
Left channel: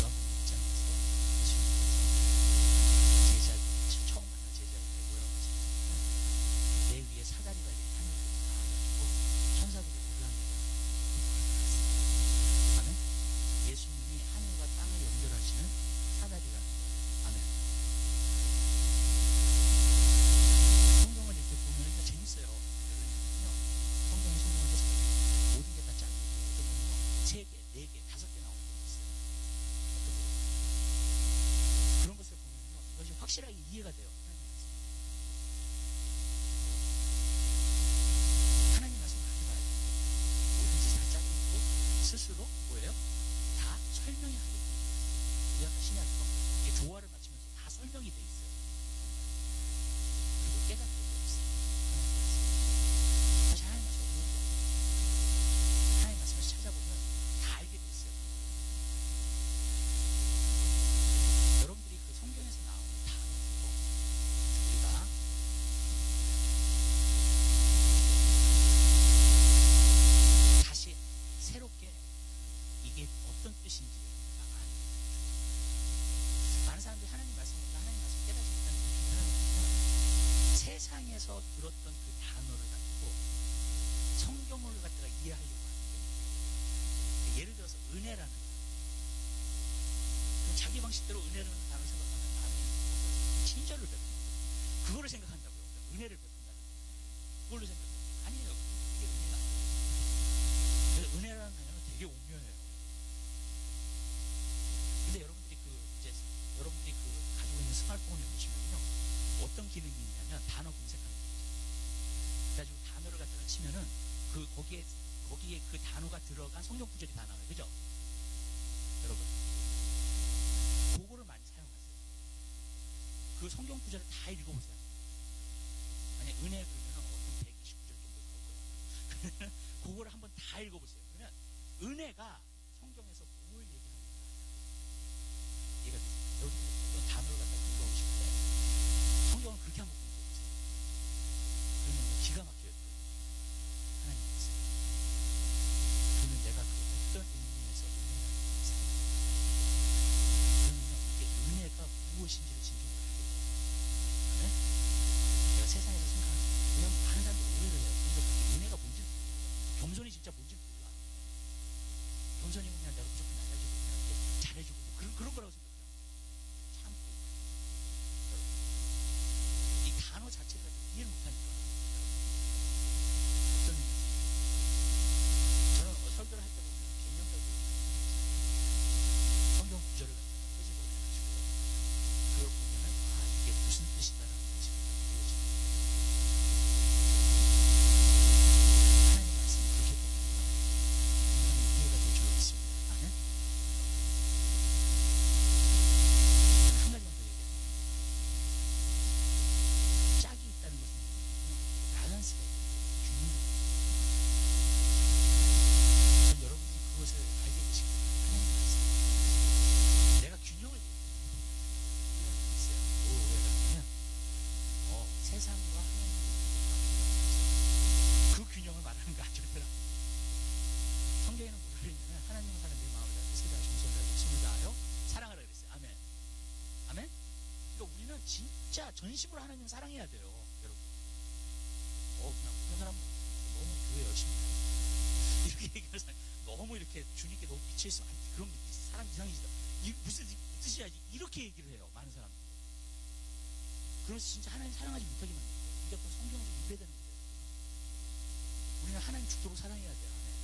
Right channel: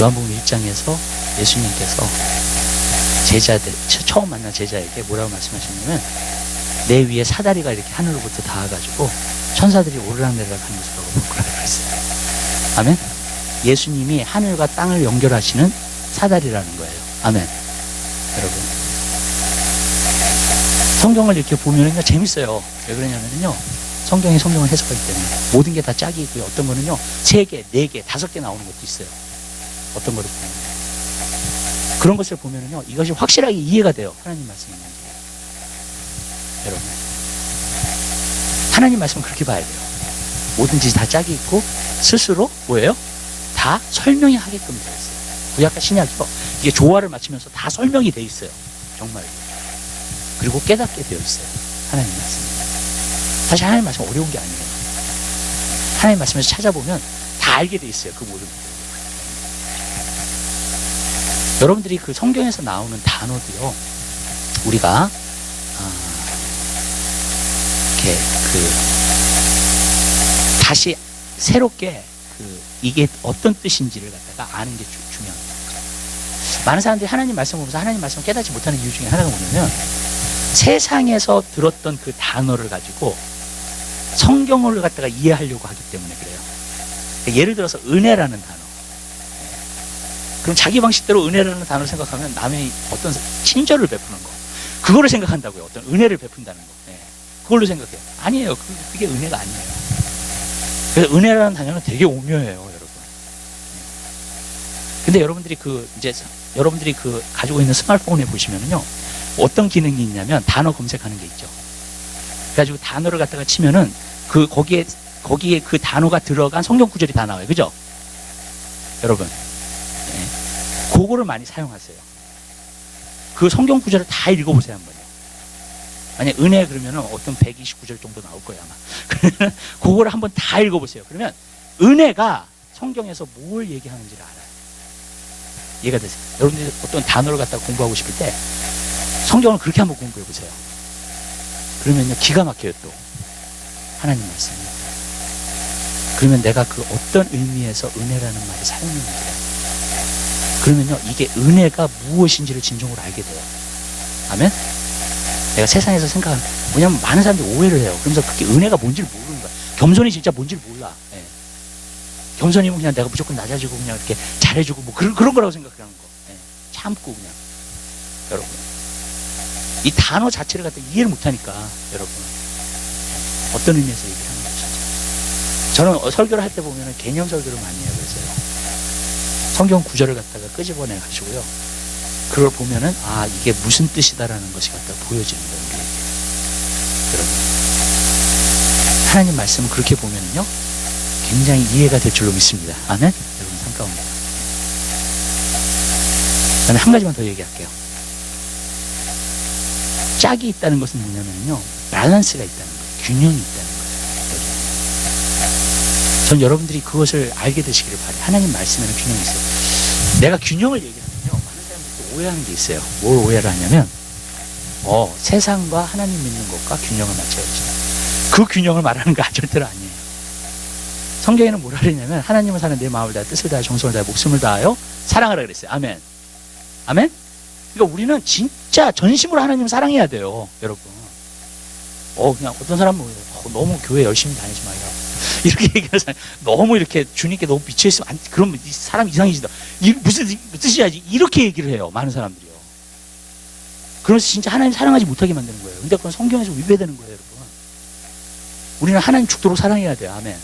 요한복음 1장에서 예수님께서 제자들, 처음 만난 제자에게 뭐라고 말씀하셨냐면 내 위에 사다리가 이렇게 하늘로부터 닿아가지고 천사들이 오르락내리락 하는 모습을 볼 거라고 그랬어요. 아멘? 예수님이 하늘과 땅을 연결하시는 사다리라는 거예요. 아멘. 여러분, 성경을 이렇게 보면 재밌어요. 왜 그러냐면요, 성경이 성경을 해석하기 때문에 모든 게 다 짝이 있고요. 어떤 거는요 3개, 4개, 5개 나오는 것도 있어요. 어떤 거를 보면 그런 것을 보면은요 이것이 확실하게 이해가 돼요. 하나님 말씀이 있는 게. 여러분, 하나님 말씀은 그렇게 봐야 돼요. 뭐든지 다 짝이 있고 스스로 뭐예요? 다 설명이 하게끔 되어 있어요. 구약과 신약이요, 이게 조화를 맞추면서 다 설명이 되어 있어요. 정말. 그리고 깨닫게 되어 있어요. 하나님 말씀. 사실 하나님 말씀 어려운 게 아니에요. 하나님 말씀에서 찾아보면 다 알게 되어 있어요. 그 모든 것들. 여러분들이 그 성경에서 나오는 단어도요, 우리가 이렇게 다시 새롭게 이게 어떤 뜻인지를 갖다가 아는 게 중요합니다. 많은 사람들이 하나님 말씀 보면서 하나님 말씀을 깨닫지 못하는 이유 중에 하나가 뭐냐면 세상에서 들었던 그 단어를 가지고 성경을 갖다가 이해하려고 하기 때문에 그래요. 예를 들어서 은혜라는 단어. 그럼 자기 방식대로 은혜라는 단어를 생각하면 남의 어떤 친절을 베푸는 거. 그거를 생각한다고요. 어떤 은혜를 베푼다는 거. 그걸로 생각해요. 아니에요. 그게 은혜가 아니에요. 그래서 은혜라는 단어는 되게 오묘해요, 여러분. 근데 여러분들이 가지고 있는 스마트폰에 보시면은요, 어떤 기능이 있냐면 단어 검색하는 게 있죠. 그래가지고 단어를 갖다가 치면은 거기에 그 단어가 들어간 성경 구절이 다 나와요. 그죠? 여러분. 그거를 많이 사용하세요. 그 성경 구절을 다 읽어보세요, 한번요. 만약 은혜 그러면은 어떤 129절 정도 나올 거예요, 아마. 그러면 그거를 한번 다 읽어보세요. 그러면 은혜가 성경에서 뭘 얘기하는지를 알아요. 이해가 되세요? 여러분들이 어떤 단어를 갖다가 공부하고 싶을 때 성경을 그렇게 한번 공부해 보세요. 그러면요, 기가 막혀요, 또. 하나님 말씀이. 그러면 내가 그 어떤 의미에서 은혜라는 말을 사용했는지. 그러면요, 이게 은혜가 무엇인지를 진정으로 알게 돼요. 아멘? 내가 세상에서 생각하는, 왜냐면 많은 사람들이 오해를 해요. 그러면서 그게 은혜가 뭔지를 모르는 거야. 겸손이 진짜 뭔지를 몰라. 겸손이면 그냥 내가 무조건 낮아지고 그냥 이렇게 잘해주고 뭐 그런 거라고 생각하는 거. 참고 그냥. 여러분. 이 단어 자체를 갖다 이해를 못하니까, 여러분. 어떤 의미에서 얘기하는 거죠. 저는 설교를 할 때 보면 개념 설교를 많이 해요. 그래서요. 성경 구절을 갖다가 끄집어내 가지고요. 그걸 보면은, 아, 이게 무슨 뜻이다라는 것이 갖다 보여지는 거예요. 우리에게. 여러분. 하나님 말씀은 그렇게 보면은요, 굉장히 이해가 될 줄로 믿습니다. 아멘? 여러분, 삶 가운데. 저는 한 가지만 더 얘기할게요. 짝이 있다는 것은 뭐냐면요, 밸런스가 있다는 거예요. 균형이 있다는 거예요. 전 여러분들이 그것을 알게 되시기를 바라요. 하나님 말씀에는 균형이 있어요. 내가 균형을 얘기하면요, 많은 사람들이 오해하는 게 있어요. 뭘 오해를 하냐면, 세상과 하나님 믿는 것과 균형을 맞춰야지. 그 균형을 말하는 거 절대로 아니에요. 성경에는 뭐라 그러냐면, 하나님을 사는 내 마음을 다해, 뜻을 다해, 정성을 다해, 목숨을 다하여 사랑하라 그랬어요. 아멘. 아멘? 그러니까 우리는 진짜 전심으로 하나님을 사랑해야 돼요, 여러분. 그냥 어떤 사람은 너무 교회 열심히 다니지 말라고. 이렇게 얘기하는 사람, 너무 이렇게 주님께 너무 미쳐있으면, 그러면 이 사람 이상해지다. 무슨 뜻이야지? 이렇게 얘기를 해요, 많은 사람들이요. 그래서 진짜 하나님 사랑하지 못하게 만드는 거예요. 근데 그건 성경에서 위배되는 거예요, 여러분. 우리는 하나님 죽도록 사랑해야 돼요, 아멘.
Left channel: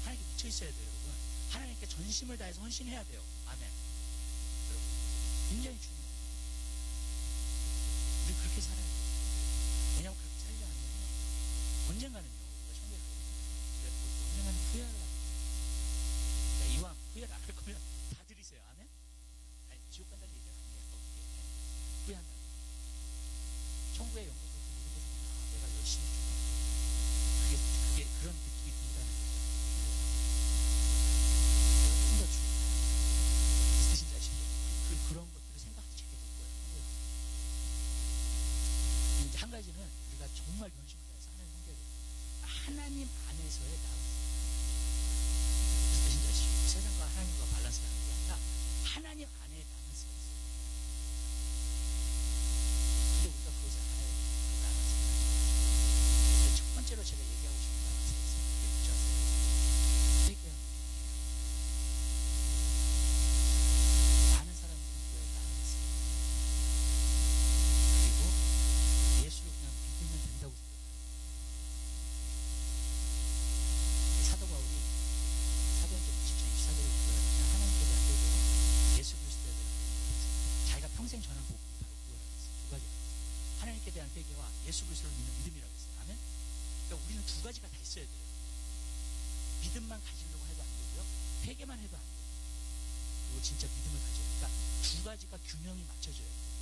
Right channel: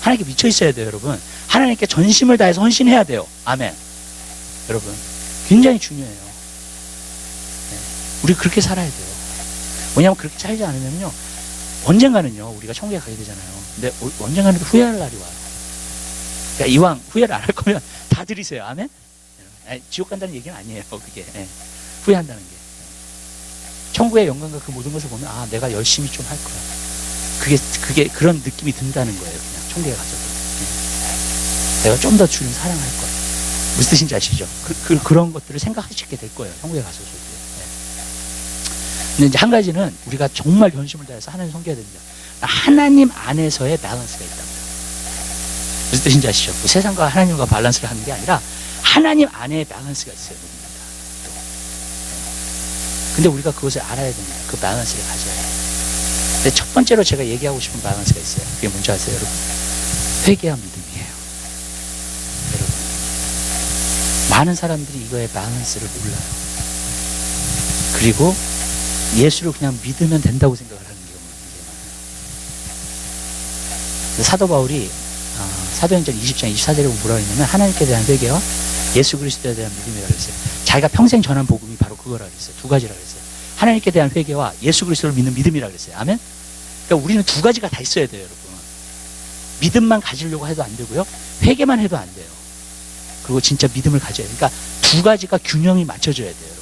하나님께 미쳐있어야 돼요, 여러분. 하나님께 전심을 다해서 헌신해야 돼요, 아멘. 여러분, 굉장히 중요해요. 우리 그렇게 살아야 돼요. 왜냐하면 그렇게 살지 않으면요, 언젠가는요, 우리가 천국에 가게 되잖아요. 근데 언젠가는 후회할 날이 와요. 그러니까 이왕 후회를 안 할 거면 다 들이세요. 아멘? 지옥 간다는 얘기는 아니에요, 그게. 후회한다는 게. 천국의 영광과 그 모든 것을 보면, 아, 내가 열심히 좀 할 거야. 그게 그런 느낌이 든다는 거예요, 그냥. 천국에 가서도. 내가 좀 더 주님 사랑할 거야. 무슨 뜻인지 아시죠? 그런 것들을 생각하시게 될 거예요, 천국에 가서도. 근데 이제 한 가지는 우리가 정말 전심을 다해서 하나님 섬겨야 됩니다. 하나님 안에서의 밸런스가 있다고요. 무슨 뜻인지 아시죠? 그 세상과 하나님과 밸런스를 하는 게 아니라 하나님 안에 밸런스가 있어요, 누군가가. 또. 근데 우리가 그것을 알아야 됩니다. 그 밸런스를 가져야 해요. 근데 첫 번째로 제가 얘기하고 싶은 밸런스가 있어요. 그게 뭔지 아세요, 여러분? 회개와 믿음이에요. 여러분. 많은 사람들이 이거의 밸런스를 몰라요. 그리고 예수를 그냥 믿으면 된다고 생각을 하는 경우가 굉장히 많아요. 사도 바울이 사도행전 20장 24절에 뭐라고 했냐면, 하나님께 대한 회개와 예수 그리스도에 대한 믿음이라고 했어요. 자기가 평생 전한 복음이 바로 그거라고 했어요. 두 가지라고 했어요. 하나님께 대한 회개와 예수 그리스도를 믿는 믿음이라고 했어요. 아멘? 그러니까 우리는 두 가지가 다 있어야 돼요, 여러분. 믿음만 가지려고 해도 안 되고요, 회개만 해도 안 돼요. 그리고 진짜 믿음을 가져야 돼요. 그러니까 두 가지가 균형이 맞춰져야 돼요, 여러분.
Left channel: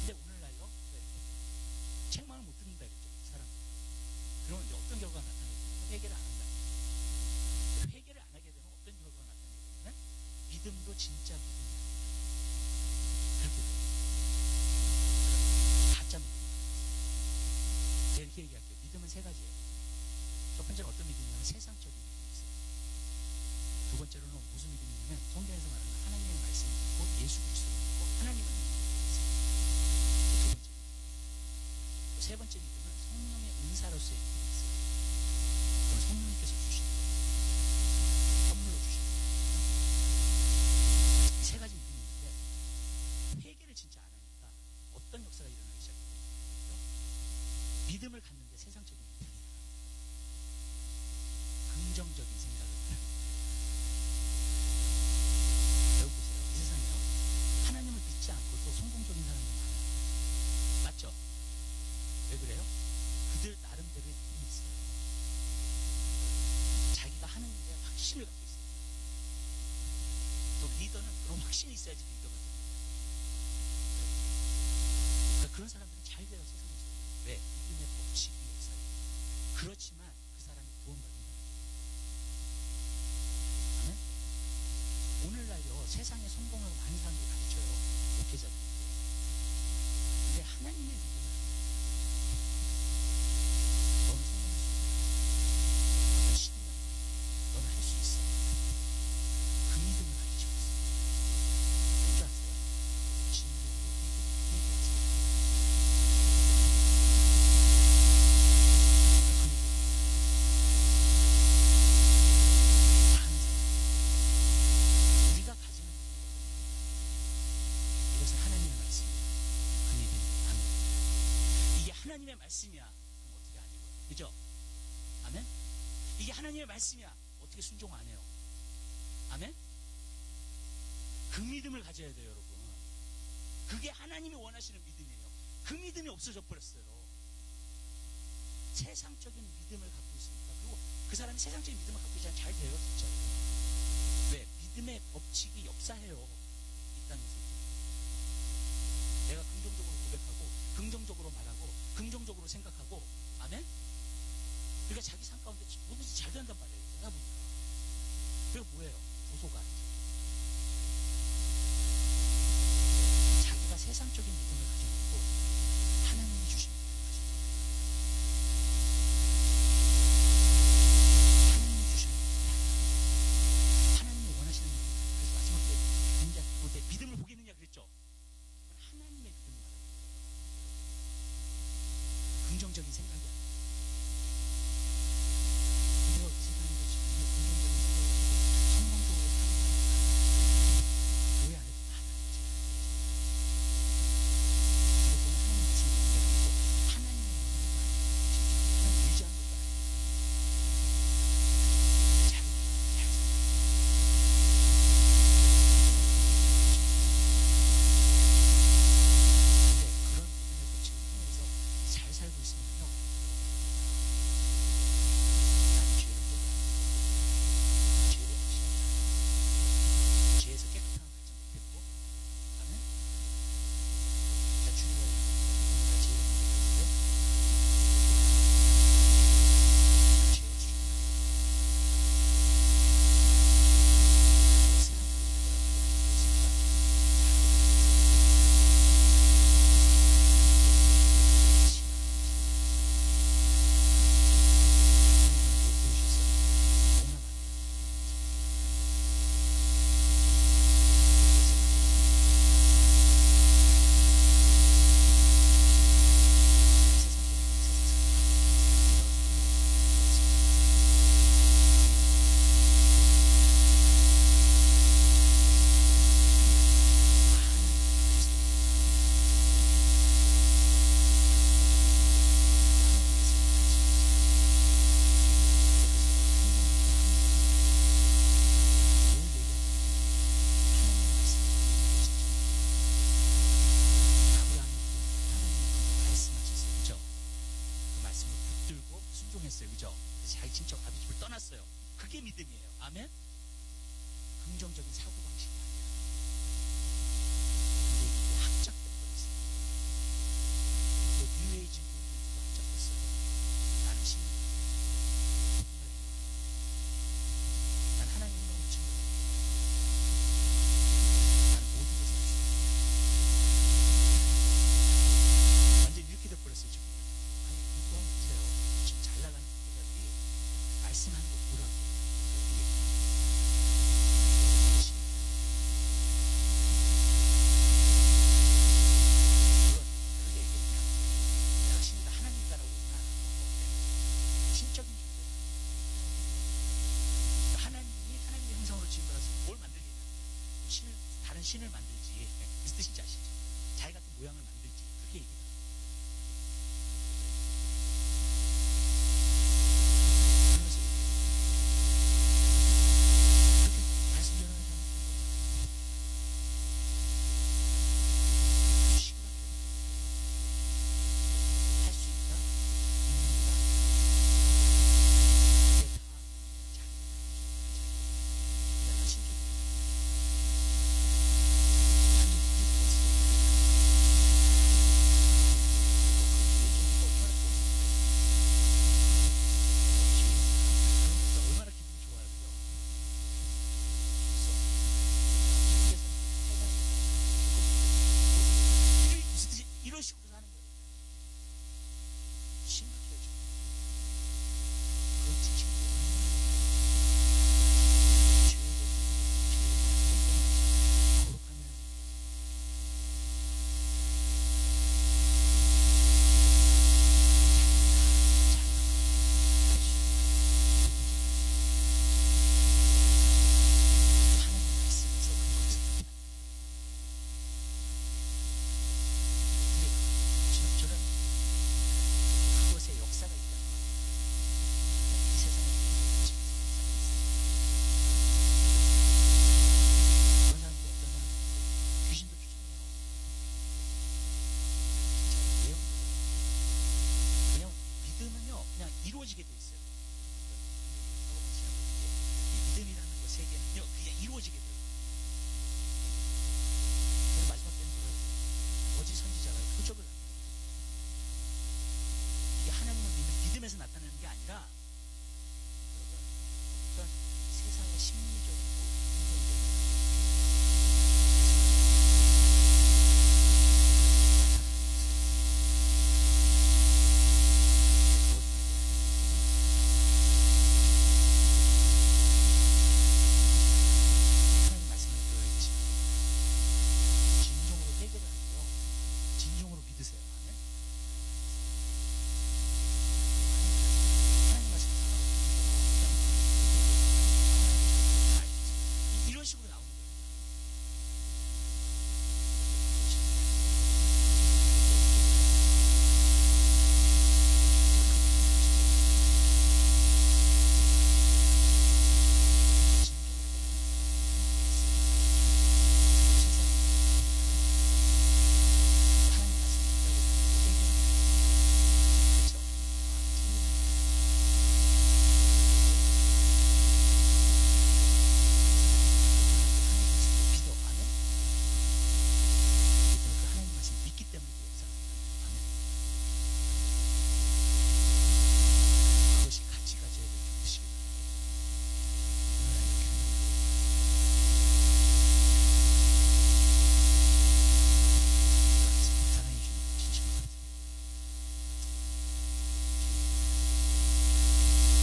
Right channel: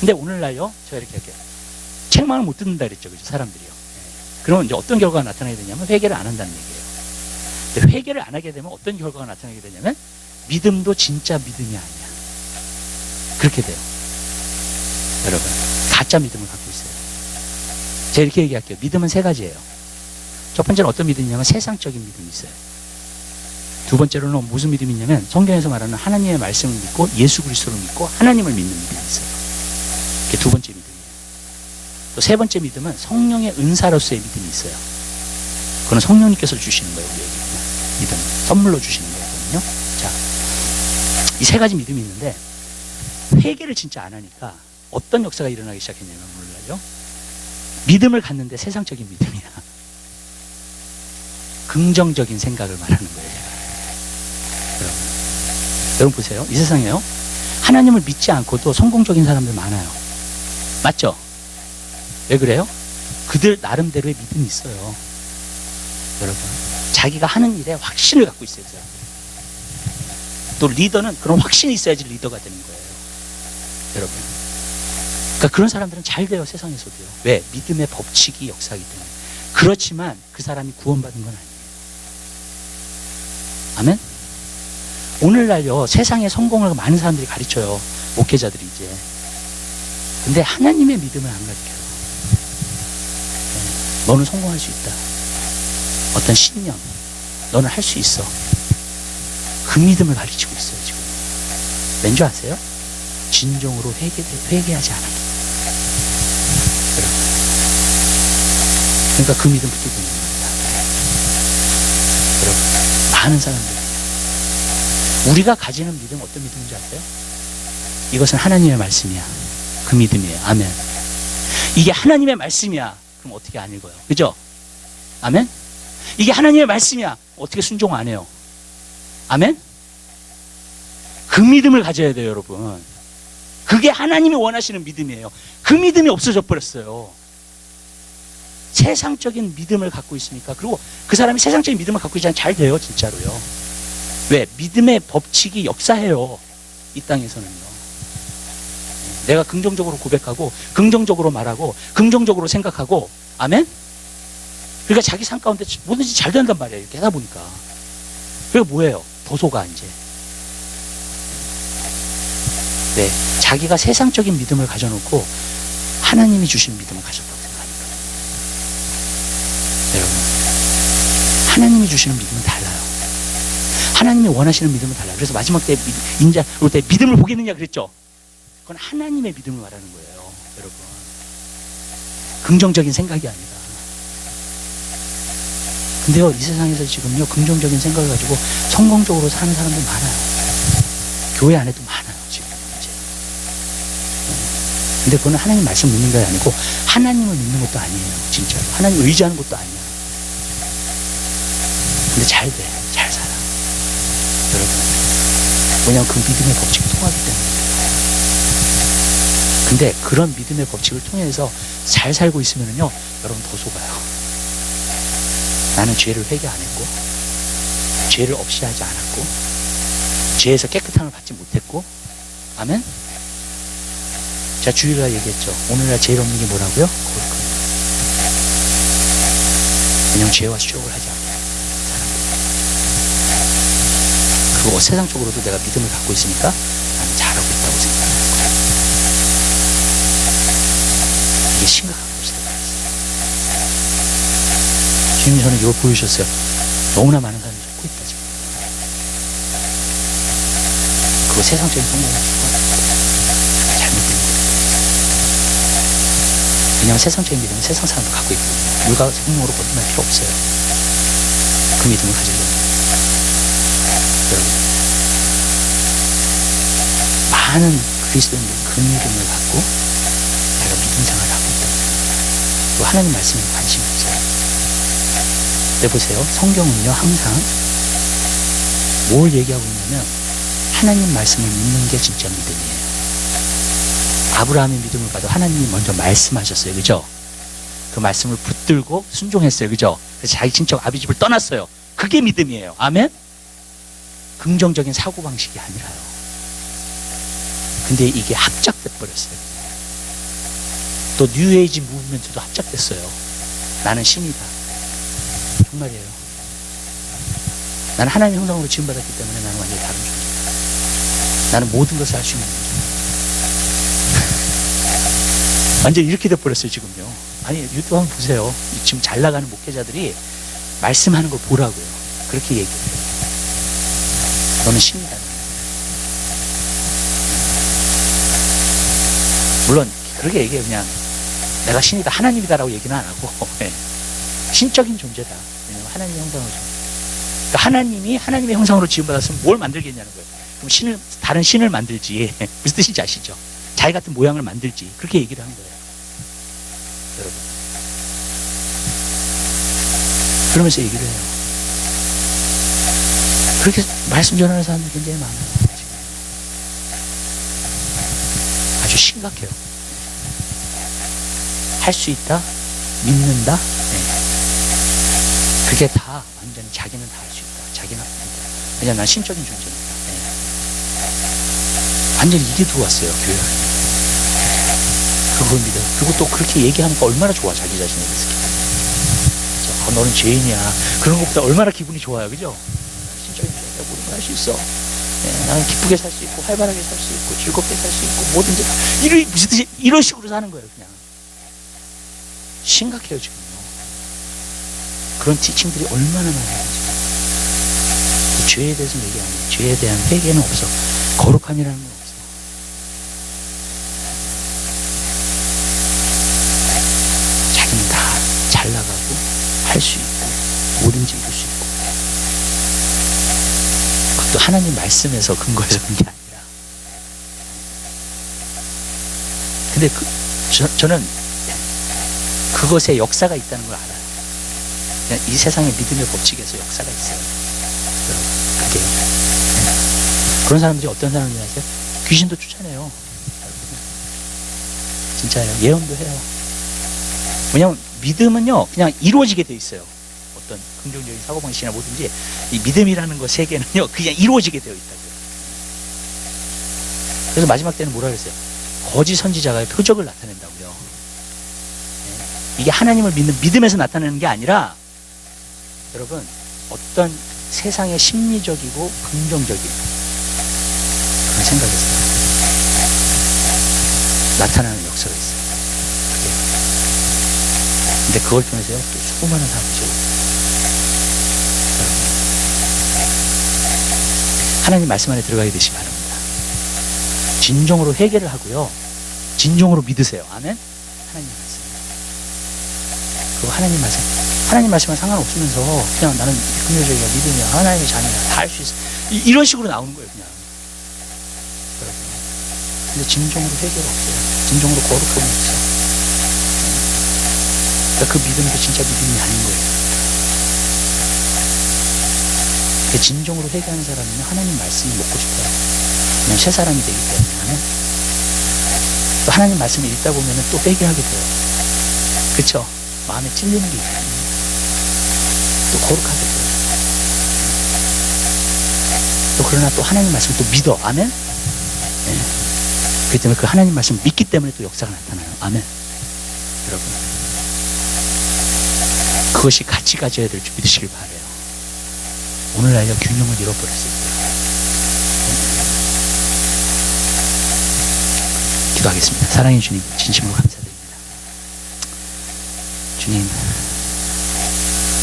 근데 오늘날요, 제가 이렇게 할게요. 책망을 못 듣는다 그랬죠, 그죠? 사람들이요. 그러면 이제 어떤 결과가 나타나게 되냐면, 회개를 안 한다는 얘기예요. 근데 회개를 안 하게 되면 어떤 결과가 나타나게 되냐면, 믿음도 진짜 믿음이 아니야. 그렇게 돼요. 여러분, 가짜 믿음을 갖고 있어요. 제가 이렇게 얘기할게요. 믿음은 세 가지예요. 첫 번째는 어떤 믿음이냐면, 세상적인 믿음이 있어요. 두 번째로는 무슨 믿음이 있냐면, 성경에서 말하는 하나님의 말씀을 믿고 예수 그리스도를 믿고 하나님을 믿는 믿음이 있어요. 그게 두 번째 믿음이에요. 또 세 번째 믿음은 성령의 은사로서의 믿음이 있어요. 그건 성령님께서 주시는 거예요, 우리에게. 믿음. 선물로 주시는 거거든요. 자, 이 세 가지 믿음이 있는데 회개를 진짜 안 하니까 어떤 역사가 일어나기 시작했냐면 몰라요. 믿음을 갖는데 세상적인 믿음이야. 긍정적인 생각을 말하는 거예요. 여러분 보세요. 이 세상에요. 하나님을 믿지 않고도 성공적인 사람들 많아요. 맞죠? 왜 그래요? 그들 나름대로의 믿음이 있어요. 여러분, 자기가 하는 일에 확신을 갖고 있어야 돼요. 또 리더는 그런 확신이 있어야지 리더가 되는 거예요. 여러분. 그러니까 그런 사람들은 잘 돼요, 세상에서도요. 왜? 믿음의 법칙이 역사하기 때문에. 그렇지만 그 사람이 구원받은 건 아니에요. 아멘? 오늘날요, 세상의 성공을 많은 사람들이 가르쳐요. 목회자들이 이제. 근데 하나님의 믿음을 안 가르쳐요. 너는 성공할 수 있다. 어떤 신념, 너는 할 수 있어. 그 믿음을 가르치고 있어요, 지금. 왠지 아세요? 진정으로 회개하지 않아요. 여러분. 그러니까 그 믿음 붙들고 있는 겁니다. 여러분, 많은 사람들. 우리가 가지는 믿음 어떤 믿음인지 아세요? 이것은 하나님의 말씀이야. 그 믿음이에요. 아멘. 이게 하나님의 말씀이야. 그럼 어떻게 안 읽어요? 그죠? 아멘? 이게 하나님의 말씀이야. 어떻게 순종 안 해요? 아멘? 그 믿음을 가져야 돼요, 여러분. 그게 하나님이 원하시는 믿음이에요. 그 믿음이 없어져 버렸어요. 세상적인 믿음을 갖고 있으니까. 그리고 그 사람이 세상적인 믿음을 갖고 있지 않으면 잘 돼요, 진짜로요. 왜? 믿음의 법칙이 역사해요. 이 땅에서는요. 내가 긍정적으로 고백하고 긍정적으로 말하고 긍정적으로 생각하고 아멘? 그러니까 자기 삶 가운데 뭐든지 잘 된단 말이에요. 이렇게 하다 보니까. 그리고 뭐예요? 더 속아 이제. 네, 자기가 세상적인 믿음을 가져놓고 하나님이 주신 믿음을 가져보는 생각하니까. 여러분, 하나님이 주시는 믿음은 달라요. 하나님이 원하시는 믿음은 달라요. 그래서 마지막 때 인자 올 때 믿음을 보겠느냐 그랬죠. 그건 하나님의 믿음을 말하는 거예요, 여러분. 긍정적인 생각이 아니라. 근데요, 이 세상에서 지금요, 긍정적인 생각을 가지고 성공적으로 사는 사람들 많아요. 교회 안에도 많아요, 지금 이제. 근데 그건 하나님 말씀 믿는 게 아니고 하나님을 믿는 것도 아니에요, 진짜로. 하나님 의지하는 것도 아니야. 근데 잘 돼, 잘 살아, 여러분. 왜냐하면 그 믿음의 법칙이 통하기 때문에. 근데 그런 믿음의 법칙을 통해서 잘 살고 있으면요, 여러분 더 속아요. 나는 죄를 회개 안 했고, 죄를 없이 하지 않았고, 죄에서 깨끗함을 받지 못했고, 아멘? 제가 주일날 얘기했죠. 오늘날 제일 없는 게 뭐라고요? 거룩함. 그냥 죄와 수욕을 하지 않아요, 사람들. 그리고 세상적으로도 내가 믿음을 갖고 있으니까 나는 잘하고 있다고 생각해요. 이게 심각한 것이다. 주님이 저는 이걸 보여주셨어요. 너무나 많은 사람이 속고 있다 지금. 그거 세상적인 성공을 추구하는 잘못 믿는 거예요. 왜냐하면 세상적인 믿음은 세상 사람도 갖고 있거든요. 물과 생명으로 거듭날 필요 없어요. 그 믿음을 가지려면. 여러분, 많은 그리스도인들이 그 믿음을 갖고 내가 믿음 생활을 하고 있다. 또 하나님 말씀에 관심이 없어요. 근데 보세요. 성경은요, 항상 뭘 얘기하고 있냐면 하나님 말씀을 믿는 게 진짜 믿음이에요. 아브라함의 믿음을 봐도 하나님이 먼저 말씀하셨어요. 그죠? 그 말씀을 붙들고 순종했어요. 그죠? 그래서 자기 친척 아비집을 떠났어요. 그게 믿음이에요. 아멘? 긍정적인 사고방식이 아니라요. 근데 이게 합작돼 버렸어요. 또 뉴에이지 무브먼트도 합작됐어요. 나는 신이다. 정말이에요. 나는 하나님의 형상으로 지음받았기 때문에 나는 완전히 다른 존재다. 나는 모든 것을 할 수 있는 존재다. 완전히 이렇게 돼버렸어요, 지금요. 아니, 유튜브 한번 보세요. 지금 잘 나가는 목회자들이 말씀하는 걸 보라고요. 그렇게 얘기해요. 너는 신이다. 물론 그렇게 얘기해요. 그냥 내가 신이다, 하나님이다라고 얘기는 안 하고 신적인 존재다. 왜냐면 하나님의 형상으로 그러니까 하나님이 하나님의 형상으로 지음받았으면 뭘 만들겠냐는 거예요. 그럼 다른 신을 만들지. 무슨 뜻인지 아시죠? 자기 같은 모양을 만들지. 그렇게 얘기를 한 거예요. 여러분. 그러면서 얘기를 해요. 그렇게 말씀 전하는 사람들이 굉장히 많아요. 아주 심각해요. 할 수 있다? 믿는다? 네. 그게 다 완전히 자기는 다 할 수 있다. 자기는 믿는다. 왜냐면 난 신적인 존재니까. 네. 완전히 이게 들어왔어요. 교회 안에. 그걸 믿어요. 그리고 또 그렇게 얘기하니까 얼마나 좋아. 자기 자신에 대해서. 너는 죄인이야. 그런 것보다 얼마나 기분이 좋아요. 그죠? 신적인 존재야. 모든 걸 할 수 있어. 네, 나는 기쁘게 살 수 있고 활발하게 살 수 있고 즐겁게 살 수 있고 뭐든지 이런 식으로 사는 거예요. 그냥 심각해요 지금요. 그런 티칭들이 얼마나 많아요. 지금. 죄에 대해서 얘기 안 해요. 죄에 대한 회개는 없어. 거룩함이라는 건 없어. 자기는 다 잘 나가고 할 수 있고 뭐든지 이룰 수 있고. 또 하나님 말씀에서 근거해서 그런 게 아니라. 근데 저는 그것에 역사가 있다는 걸 알아요. 그냥 이 세상의 믿음의 법칙에서 역사가 있어요. 여러분, 그게요. 네. 그런 사람들이 어떤 사람들이 아세요? 귀신도 쫓아내요. 진짜예요. 예언도 해요. 왜냐하면 믿음은요, 그냥 이루어지게 돼 있어요. 어떤 긍정적인 사고방식이나 뭐든지 이 믿음이라는 것 세계는요 그냥 이루어지게 되어 있다고요. 그래서 마지막 때는 뭐라 그랬어요? 거짓 선지자가 표적을 나타낸다고요. 네. 이게 하나님을 믿는 믿음에서 나타내는 게 아니라 여러분 어떤 세상의 심리적이고 긍정적인 그런 생각에서 나타나는 역사가 있어요. 그게. 근데 그걸 통해서요 또 수많은 사람들이 하나님 말씀 안에 들어가게 되시기 바랍니다. 진정으로 회개를 하고요. 진정으로 믿으세요. 아멘? 하나님 말씀. 그리고 하나님 말씀은 상관없으면서 그냥 나는 긍정적이야, 믿음이야, 하나님의 자녀야, 다 할 수 있어. 이런 식으로 나오는 거예요, 그냥. 여러분. 근데 진정으로 회개가 없어요. 진정으로 거룩함이 없어요. 그러니까 그 믿음도 진짜 믿음이 아닌 거예요. 진정으로 회개하는 사람은 하나님 말씀이 먹고 싶어요. 그냥 새 사람이 되기 때문에. 또 하나님 말씀을 읽다 보면 또 회개하게 돼요. 그쵸? 마음에 찔리는 게 있거든요. 또 거룩하게 돼요. 또 그러나 또 하나님 말씀을 또 믿어. 아멘? 네. 그렇기 때문에 그 하나님 말씀을 믿기 때문에 또 역사가 나타나요. 아멘? 여러분. 그것이 같이 가져야 될 줄 믿으시길 바라요. 오늘날요 균형을 잃어버렸을 때. 기도하겠습니다. 사랑해 주님 진심으로 감사드립니다. 주님